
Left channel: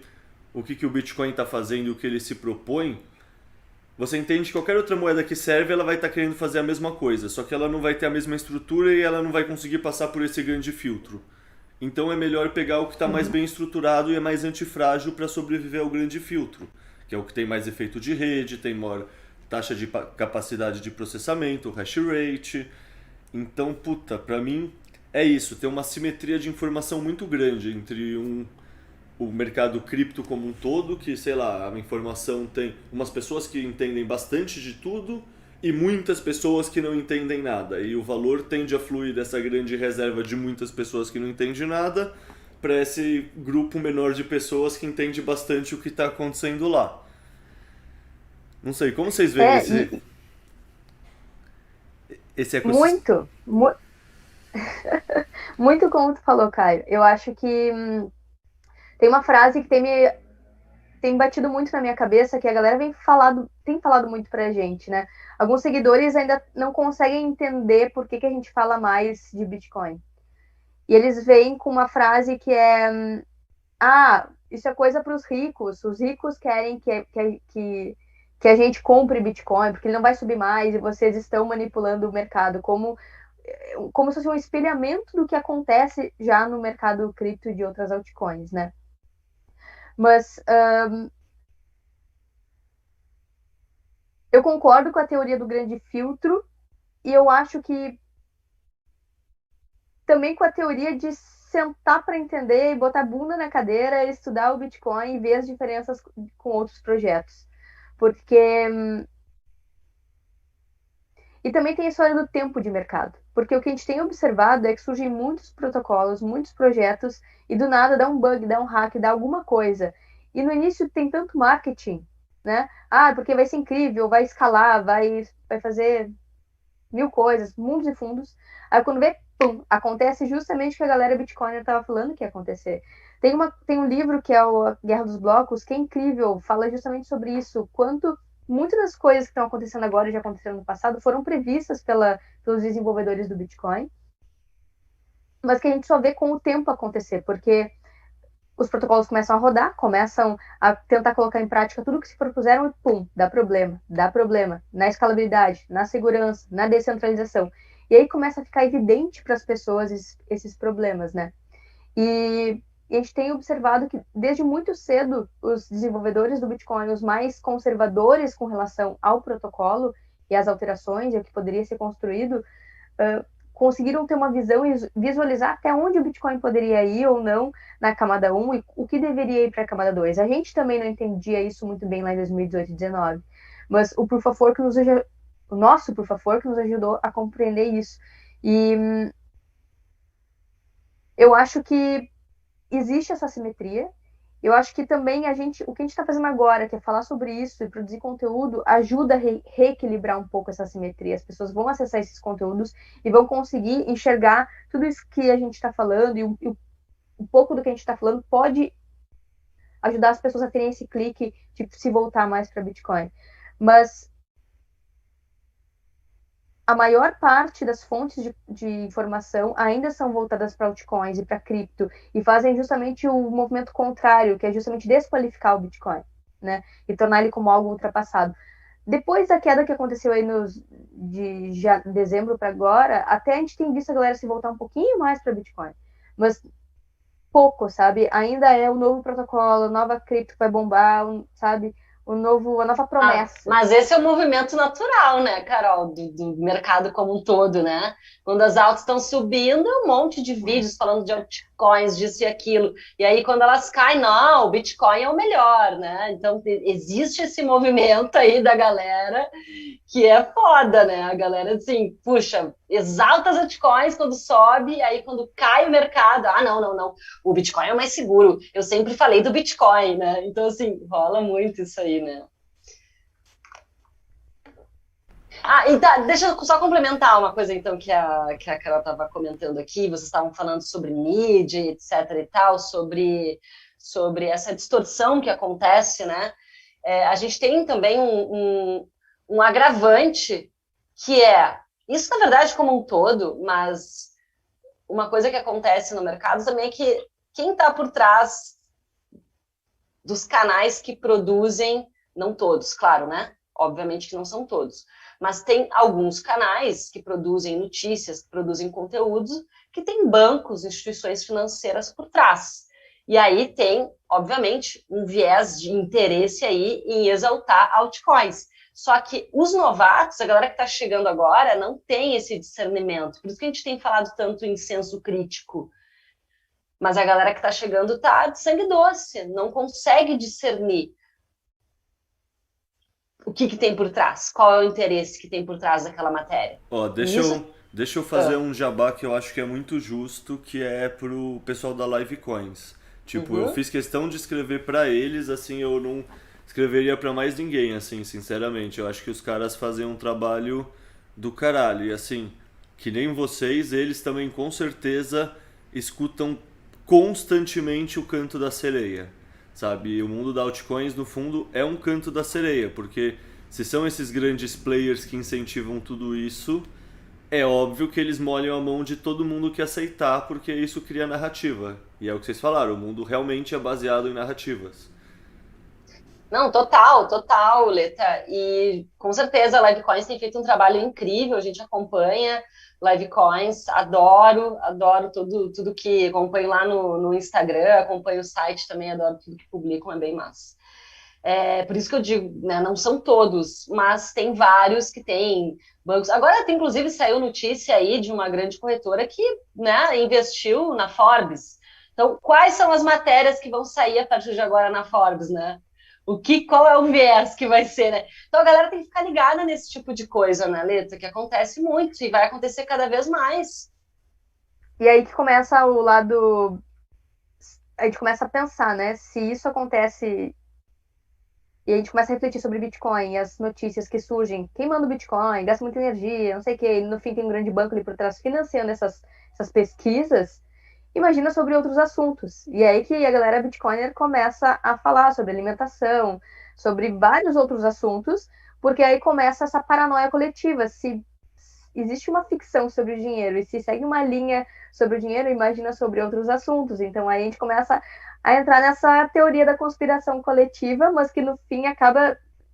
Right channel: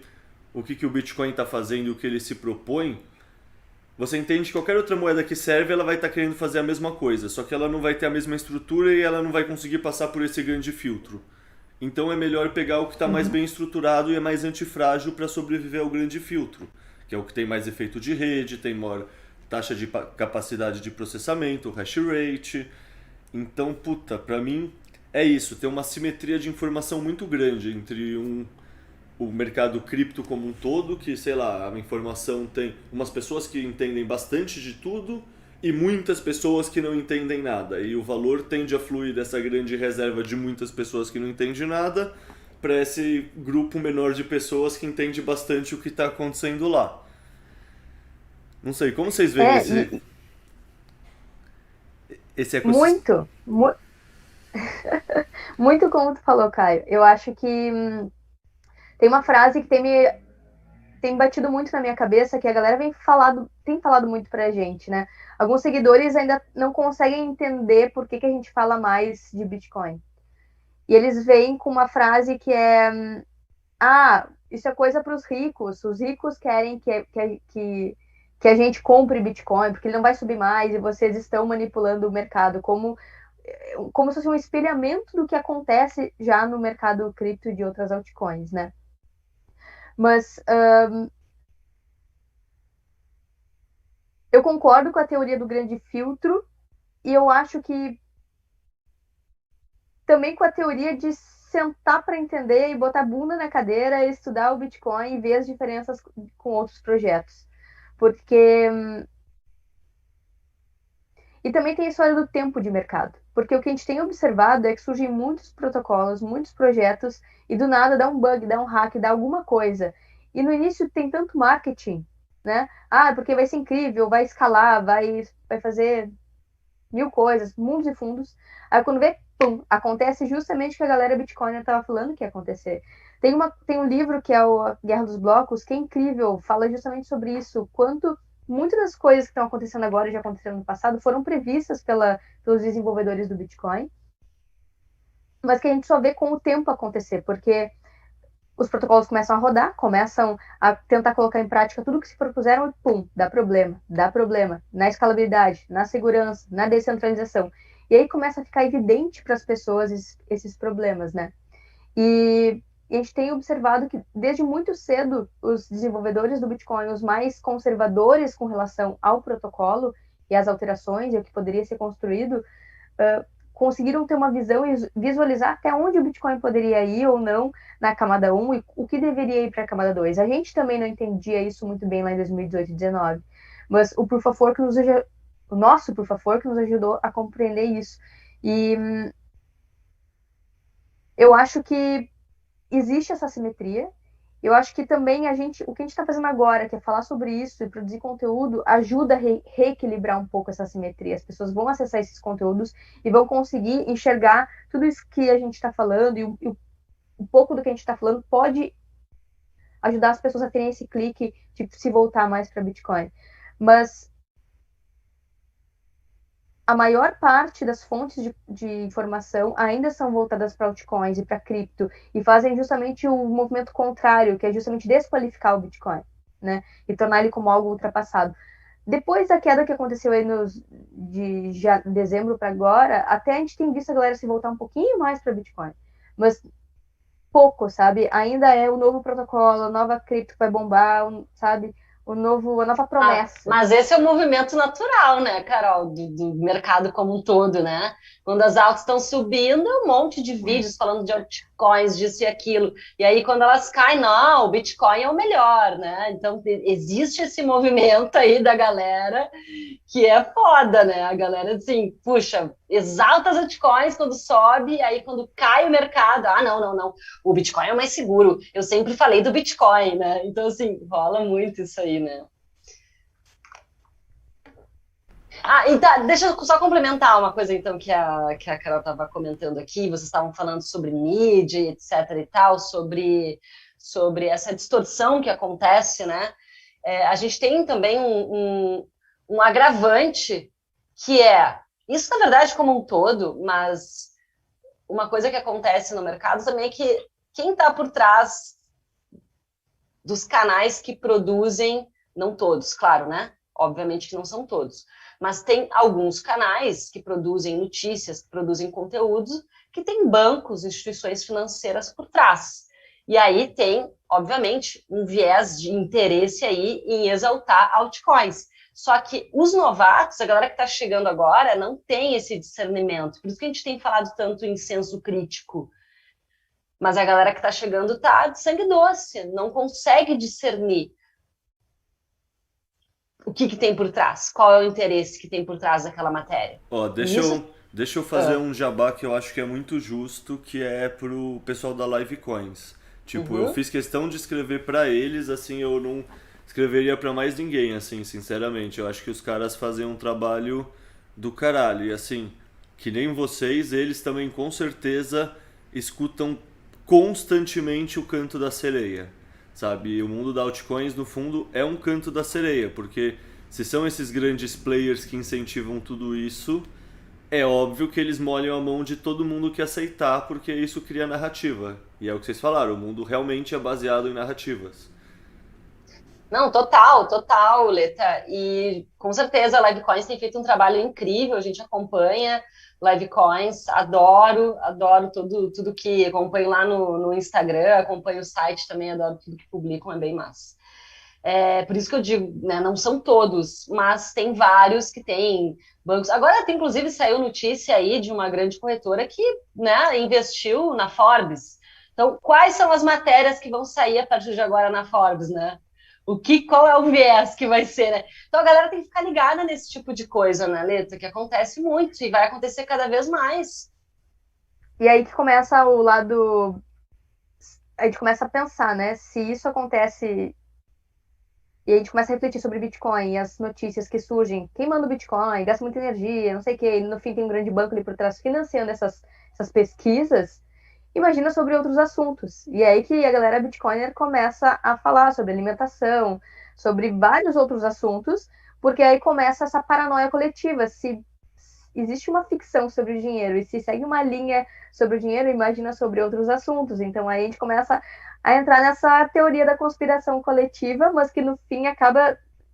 o que o Bitcoin está fazendo e o que ele se propõe, você entende que qualquer outra moeda que serve, ela vai estar querendo fazer a mesma coisa, só que ela não vai ter a mesma estrutura e ela não vai conseguir passar por esse grande filtro. Então é melhor pegar o que está mais Uhum. bem estruturado e é mais antifrágil para sobreviver ao grande filtro, que é o que tem mais efeito de rede, tem maior taxa de capacidade de processamento, hash rate. Então, puta, pra mim é isso, tem uma simetria de informação muito grande entre o mercado cripto como um todo, que, sei lá, a informação tem umas pessoas que entendem bastante de tudo e muitas pessoas que não entendem nada. E o valor tende a fluir dessa grande reserva de muitas pessoas que não entendem nada para esse grupo menor de pessoas que entende bastante o que está acontecendo lá. Não sei, como vocês veem É, esse ecossistema? muito, muito como tu falou, Caio. Eu acho que tem uma frase que tem batido muito na minha cabeça, que a galera tem falado muito pra gente, né? Alguns seguidores ainda não conseguem entender por que a gente fala mais de Bitcoin. E eles vêm com uma frase que é: ah, isso é coisa para os ricos. Os ricos querem que a gente compre Bitcoin, porque ele não vai subir mais e vocês estão manipulando o mercado, como se fosse um espelhamento do que acontece já no mercado cripto e de outras altcoins, né? Mas eu concordo com a teoria do grande filtro e eu acho que também com a teoria de sentar para entender e botar a bunda na cadeira, estudar o Bitcoin e ver as diferenças com outros projetos. Porque. E também tem a história do tempo de mercado. Porque o que a gente tem observado é que surgem muitos protocolos, muitos projetos, e do nada dá um bug, dá um hack, dá alguma coisa. E no início tem tanto marketing, né? Ah, porque vai ser incrível, vai escalar, vai fazer. mil coisas, mundos e fundos. Aí quando vê, pum, acontece justamente o que a galera Bitcoiner estava falando que ia acontecer. Tem um livro que é o Guerra dos Blocos, que é incrível, fala justamente sobre isso, quanto muitas das coisas que estão acontecendo agora e já aconteceram no passado foram previstas pelos desenvolvedores do Bitcoin, mas que a gente só vê com o tempo acontecer, porque os protocolos começam a rodar, começam a tentar colocar em prática tudo que se propuseram e pum, dá problema na escalabilidade, na segurança, na descentralização. E aí começa a ficar evidente para as pessoas esses problemas, né? E a gente tem observado que desde muito cedo os desenvolvedores do Bitcoin, os mais conservadores com relação ao protocolo e às alterações e o que poderia ser construído, conseguiram ter uma visão e visualizar até onde o Bitcoin poderia ir ou não na camada 1 e o que deveria ir para a camada 2. A gente também não entendia isso muito bem lá em 2018 e 2019, mas o Proof of Work o nosso Proof of Work nos ajudou a compreender isso. E eu acho que existe essa simetria. Eu acho que também o que a gente está fazendo agora, que é falar sobre isso e produzir conteúdo, ajuda a reequilibrar um pouco essa simetria. As pessoas vão acessar esses conteúdos e vão conseguir enxergar tudo isso que a gente está falando, e um pouco do que a gente está falando pode ajudar as pessoas a terem esse clique de se voltar mais para Bitcoin. Mas a maior parte das fontes de informação ainda são voltadas para altcoins e para cripto, e fazem justamente o movimento contrário, que é justamente desqualificar o Bitcoin, né? E tornar ele como algo ultrapassado. Depois da queda que aconteceu aí de dezembro para agora, até a gente tem visto a galera se voltar um pouquinho mais para Bitcoin. Mas pouco, sabe? Ainda é o novo protocolo, a nova cripto que vai bombar, sabe? A nova promessa. Mas esse é o movimento natural, né, Carol, do mercado como um todo, né? Quando as altas estão subindo, um monte de vídeos falando de altcoins, disso e aquilo. E aí, quando elas caem, não, o Bitcoin é o melhor, né? Então, existe esse movimento aí da galera que é foda, né? A galera, assim, puxa, exalta as altcoins quando sobe, aí quando cai o mercado, não, o Bitcoin é o mais seguro. Eu sempre falei do Bitcoin, né? Então, assim, rola muito isso aí, né? E tá, deixa eu só complementar uma coisa, então, que a Carol estava comentando aqui. Vocês estavam falando sobre mídia, etc e tal, sobre essa distorção que acontece, né? A gente tem também um agravante, que é, isso na verdade como um todo, mas uma coisa que acontece no mercado também é que quem está por trás dos canais que produzem, não todos, claro, né? Obviamente que não são todos, mas tem alguns canais que produzem notícias, que produzem conteúdos, que tem bancos, instituições financeiras por trás. E aí tem, obviamente, um viés de interesse aí em exaltar altcoins. Só que os novatos, a galera que está chegando agora, não tem esse discernimento. Por isso que a gente tem falado tanto em senso crítico. Mas a galera que está chegando está de sangue doce, não consegue discernir o que tem por trás, qual é o interesse que tem por trás daquela matéria. Deixa eu fazer um jabá que eu acho que é muito justo, que é pro pessoal da Livecoins. Tipo, eu fiz questão de escrever para eles, assim, eu não escreveria para mais ninguém, assim, sinceramente. Eu acho que os caras fazem um trabalho do caralho. E assim, que nem vocês, eles também com certeza escutam constantemente o canto da sereia, sabe? O mundo da altcoins, no fundo, é um canto da sereia, porque se são esses grandes players que incentivam tudo isso, é óbvio que eles molham a mão de todo mundo que aceitar, porque isso cria narrativa. E é o que vocês falaram, o mundo realmente é baseado em narrativas. Não, total, Leta. E com certeza a Livecoins tem feito um trabalho incrível, a gente acompanha Livecoins, adoro tudo que acompanho lá no Instagram, acompanho o site também, adoro tudo que publicam, é bem massa. Por isso que eu digo, né, não são todos, mas tem vários que têm bancos. Agora, inclusive, saiu notícia aí de uma grande corretora que, né, investiu na Forbes. Então, quais são as matérias que vão sair a partir de agora na Forbes, né? Qual é o viés que vai ser, né? Então a galera tem que ficar ligada nesse tipo de coisa, né, Leta? Que acontece muito e vai acontecer cada vez mais. E aí que começa o lado... A gente começa a pensar, né? Se isso acontece E a gente começa a refletir sobre Bitcoin e as notícias que surgem. Quem manda o Bitcoin? Gasta muita energia, não sei o quê. E no fim tem um grande banco ali por trás financiando essas pesquisas. Imagina sobre outros assuntos. E é aí que a galera Bitcoiner começa a falar sobre alimentação, sobre vários outros assuntos, porque aí começa essa paranoia coletiva. Se existe uma ficção sobre o dinheiro e se segue uma linha sobre o dinheiro, imagina sobre outros assuntos. Então aí a gente começa a entrar nessa teoria da conspiração coletiva, mas que no fim a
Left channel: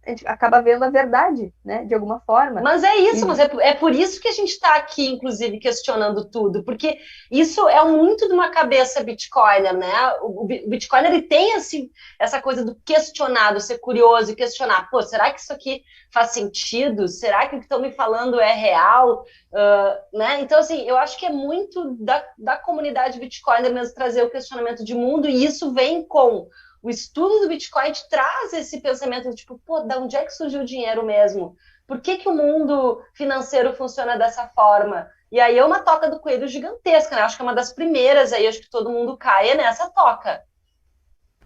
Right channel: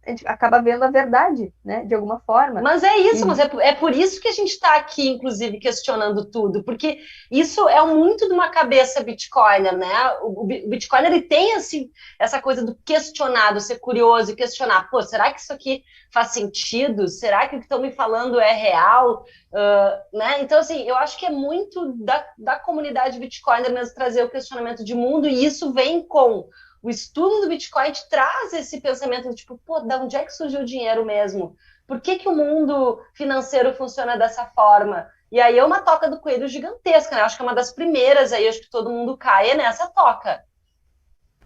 gente acaba vendo a verdade, né, de alguma forma. Mas é isso, mas é por isso que a gente está aqui, inclusive, questionando tudo, porque isso é muito de uma cabeça bitcoiner, né? O bitcoiner, ele tem essa coisa do questionado, ser curioso e questionar, pô, será que isso aqui faz sentido? Será que o que estão me falando é real? Né? Então, assim, eu acho que é muito da comunidade bitcoiner mesmo trazer o questionamento de mundo, e isso vem com o estudo do Bitcoin, te traz esse pensamento de tipo, pô, de onde é que surgiu o dinheiro mesmo? Por que o mundo financeiro funciona dessa forma? E aí é uma toca do coelho gigantesca, né? Acho que é uma das primeiras aí, acho que todo mundo cai nessa toca.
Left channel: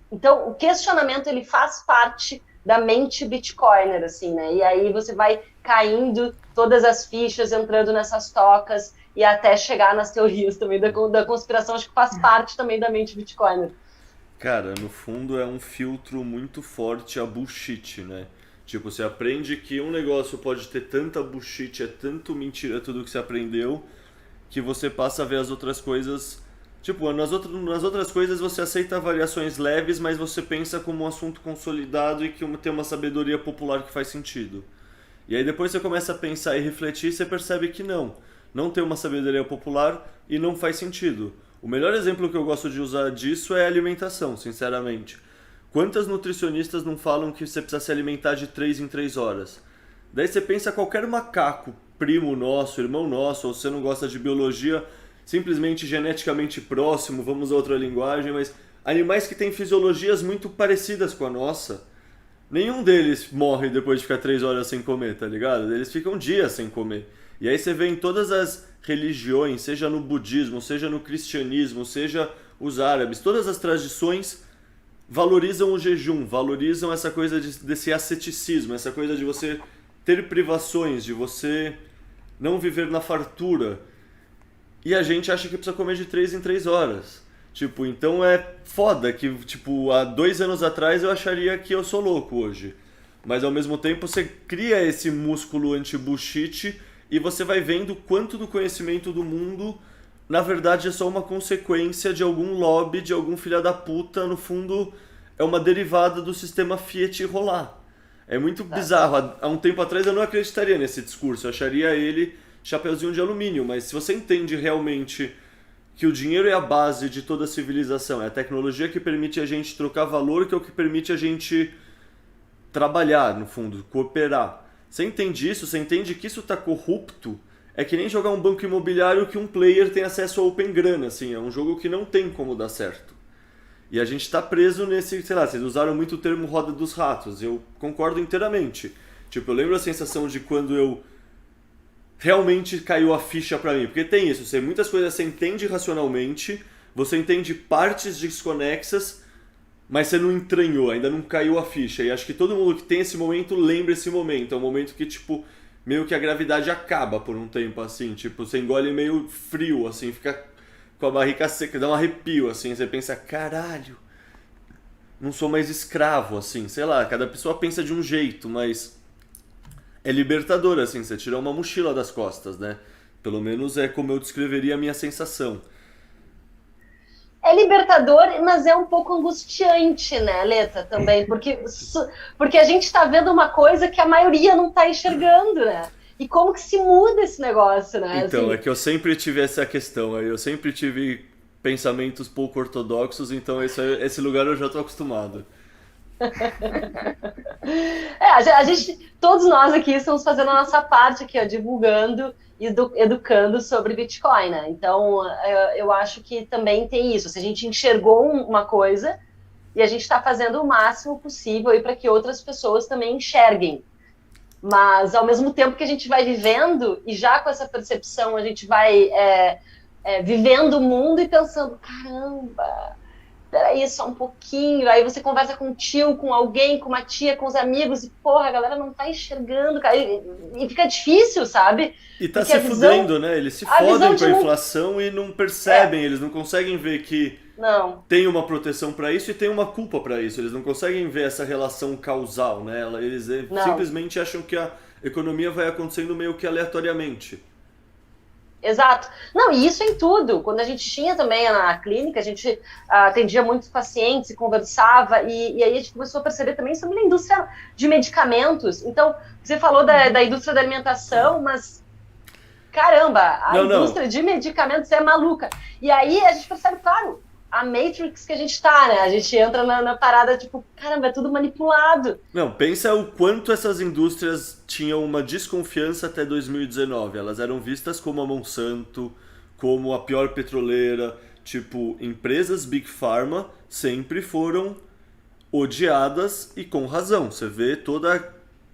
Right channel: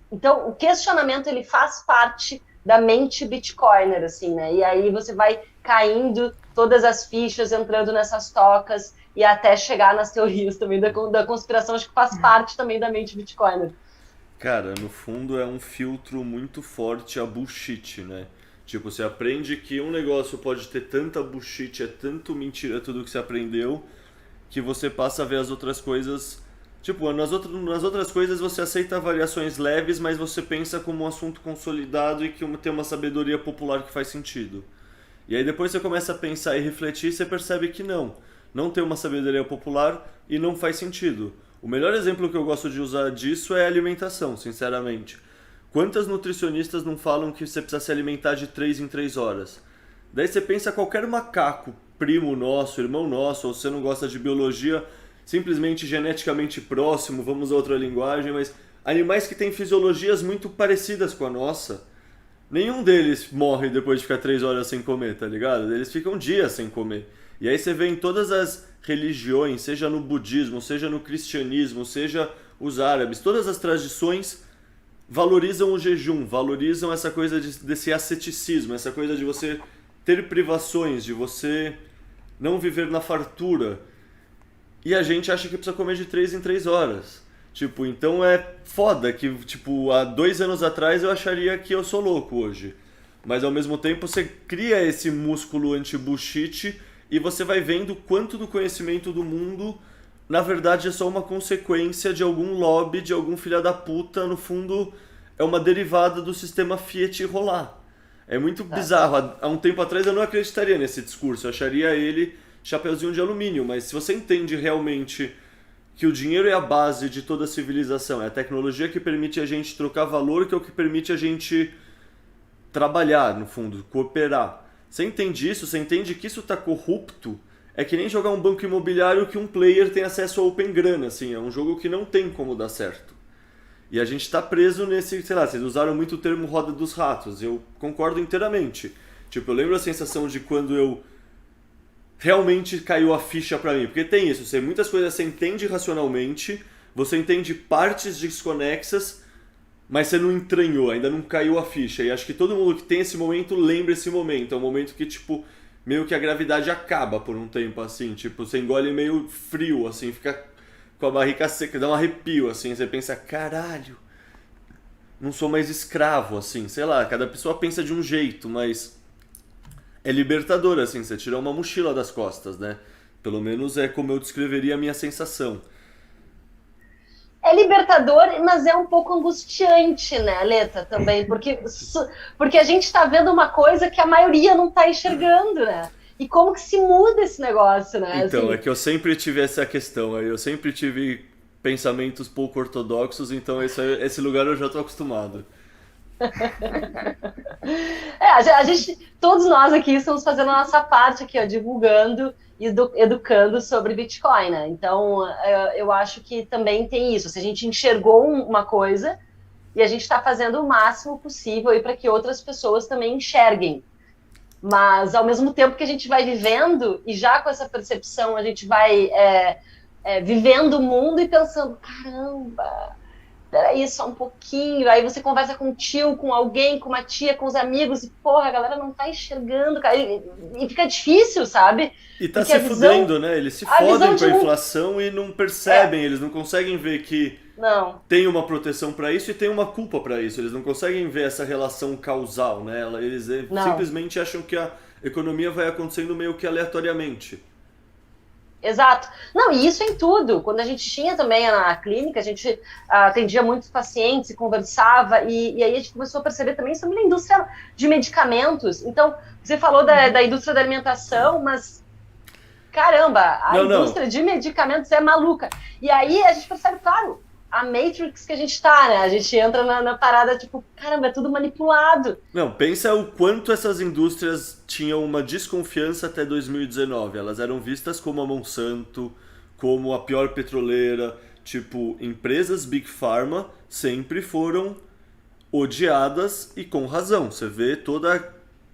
Então, o questionamento, ele faz parte da mente bitcoiner, assim, né? E aí você vai caindo todas as fichas, entrando nessas tocas e até chegar nas teorias também da conspiração, acho que faz parte também da mente bitcoiner. Cara, no fundo é um filtro muito forte a bullshit, né? Tipo, você aprende que um negócio pode ter tanta bullshit, é tanto mentira tudo que você aprendeu, que você passa a ver as outras coisas. Tipo, nas outras coisas você aceita variações leves, mas você pensa como um assunto consolidado e que tem uma sabedoria popular que faz sentido. E aí depois você começa a pensar e refletir e você percebe que não tem uma sabedoria popular e não faz sentido. O melhor exemplo que eu gosto de usar disso é a alimentação, sinceramente. Quantas nutricionistas não falam que você precisa se alimentar de 3 em 3 horas? Daí você pensa qualquer macaco, primo nosso, irmão nosso, ou se você não gosta de biologia, simplesmente geneticamente próximo, vamos a outra linguagem, mas animais que têm fisiologias muito parecidas com a nossa, nenhum deles morre depois de ficar 3 horas sem comer, tá ligado? Eles ficam dias sem comer. E aí você vê em todas as religiões, seja no budismo, seja no cristianismo, seja os árabes, todas as tradições valorizam o jejum, valorizam essa coisa desse asceticismo, essa coisa de você ter privações, de você não viver na fartura. E a gente acha que precisa comer de 3 em 3 horas. Tipo, então é foda que, tipo, há 2 anos atrás eu acharia que eu sou louco hoje. Mas ao mesmo tempo você cria esse músculo anti-bullshit e você vai vendo quanto do conhecimento do mundo, na verdade, é só uma consequência de algum lobby, de algum filho da puta, no fundo, é uma derivada do sistema Fiat rolar. É muito bizarro. Há um tempo atrás eu não acreditaria nesse discurso, eu acharia ele chapeuzinho de alumínio, mas se você entende realmente que o dinheiro é a base de toda a civilização, é a tecnologia que permite a gente trocar valor, que é o que permite a gente trabalhar, no fundo, cooperar. Você entende isso, você entende que isso está corrupto, é que nem jogar um banco imobiliário que um player tem acesso a open grana, assim, é um jogo que não tem como dar certo. E a gente está preso nesse, sei lá, vocês usaram muito o termo roda dos ratos, eu concordo inteiramente. Tipo, eu lembro a sensação de quando eu realmente caiu a ficha pra mim, porque tem isso, muitas coisas você entende racionalmente, você entende partes desconexas, mas você não entranhou, ainda não caiu a ficha. E acho que todo mundo que tem esse momento lembra esse momento. É um momento que, tipo, meio que a gravidade acaba por um tempo, assim. Tipo, você engole meio frio, assim, fica com a barriga seca, dá um arrepio, assim. Você pensa, caralho, não sou mais escravo, assim. Sei lá, cada pessoa pensa de um jeito, mas é libertador, assim. Você tira uma mochila das costas, né? Pelo menos é como eu descreveria a minha sensação. É libertador, mas é um pouco angustiante, né, Leta, também, porque a gente está vendo uma coisa que a maioria não está enxergando, né? E como que se muda esse negócio, né? Então, assim... é que eu sempre tive essa questão, eu sempre tive pensamentos pouco ortodoxos, então esse lugar eu já estou acostumado. A gente, todos nós aqui estamos fazendo a nossa parte aqui, ó, divulgando e educando sobre Bitcoin, né? Então, eu acho que também tem isso. Se a gente enxergou uma coisa e a gente está fazendo o máximo possível para que outras pessoas também enxerguem. Mas, ao mesmo tempo que a gente vai vivendo, e já com essa percepção, a gente vai vivendo o mundo e pensando, caramba, peraí, só um pouquinho. Aí você conversa com um tio, com alguém, com uma tia, com os amigos, e porra, a galera não tá enxergando, cara. E fica difícil, sabe? E tá Porque se fudendo, né? Eles se fodem com a inflação e não percebem, eles não conseguem ver que Não, tem uma proteção para isso e tem uma culpa para isso. Eles não conseguem ver essa relação causal, né? Eles não. simplesmente acham que a economia vai acontecendo meio que aleatoriamente. Exato. Não, e isso em tudo. Quando a gente tinha também na clínica, a gente atendia muitos pacientes e conversava, e aí a gente começou a perceber também sobre a indústria de medicamentos. Então, você falou da indústria da alimentação, mas caramba, a indústria de medicamentos é maluca. E aí a gente percebe, claro, a Matrix que a gente tá, né? A gente entra na parada, tipo, caramba, é tudo manipulado. Não, pensa o quanto essas indústrias tinham uma desconfiança até 2019. Elas eram vistas como a Monsanto, como a pior petroleira. Tipo, empresas Big Pharma sempre foram odiadas e com razão. Você vê toda a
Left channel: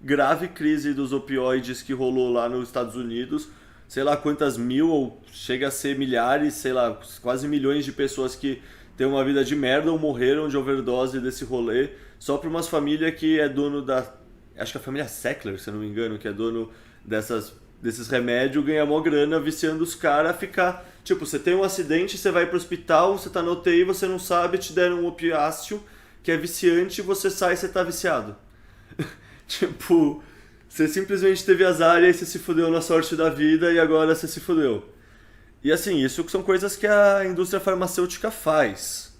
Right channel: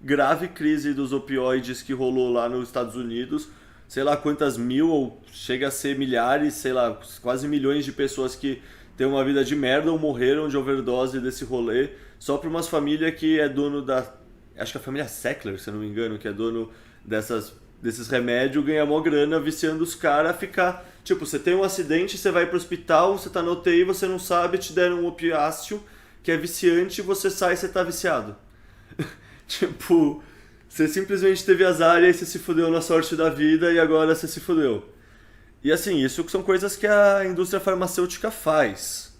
grave crise dos opioides que rolou lá nos Estados Unidos, sei lá quantas mil, ou chega a ser milhares, sei lá, quase milhões de pessoas que têm uma vida de merda ou morreram de overdose desse rolê, só para umas famílias que é dono da... Acho que a família Sackler, se eu não me engano, que é dono desses remédios, ganha mó grana viciando os caras a ficar... Tipo, você tem um acidente, você vai pro hospital, você tá na UTI, você não sabe, te deram um opiáceo que é viciante, você sai e você tá viciado. Tipo... Você simplesmente teve azar e aí você se fudeu na sorte da vida e agora você se fudeu. E assim, isso são coisas que a indústria farmacêutica faz.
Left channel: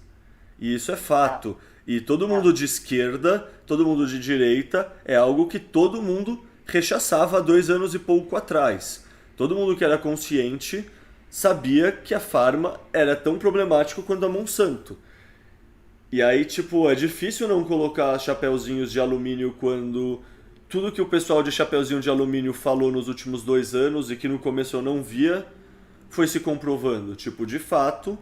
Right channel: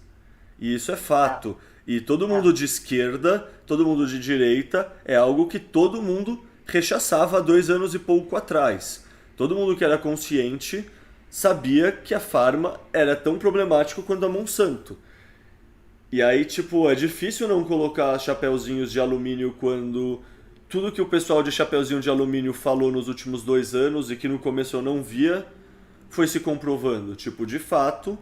E isso é fato. E todo mundo de esquerda, todo mundo de direita, é algo que todo mundo rechaçava há 2 anos e pouco atrás. Todo mundo que era consciente sabia que a farma era tão problemático quanto a Monsanto. E aí, tipo, é difícil não colocar chapeuzinhos de alumínio quando... Tudo que o pessoal de Chapeuzinho de Alumínio falou nos últimos 2 anos e que no começo eu não via, foi se comprovando. Tipo, de fato,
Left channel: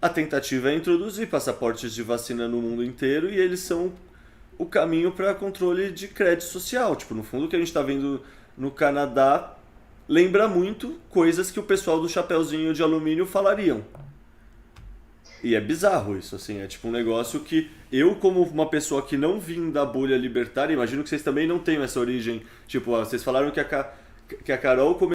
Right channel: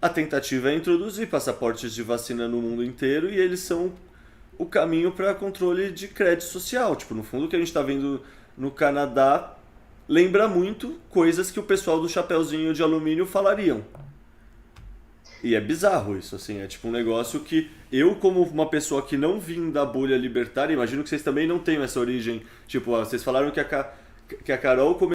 a tentativa é introduzir passaportes de vacina no mundo inteiro e eles são o caminho para controle de crédito social. Tipo, no fundo, o que a gente está vendo no Canadá lembra muito coisas que o pessoal do Chapeuzinho de Alumínio falariam. E é bizarro isso, assim, é tipo um negócio que eu, como uma pessoa que não vim da bolha libertária, imagino que vocês também não tenham essa origem, tipo, vocês falaram que a Carol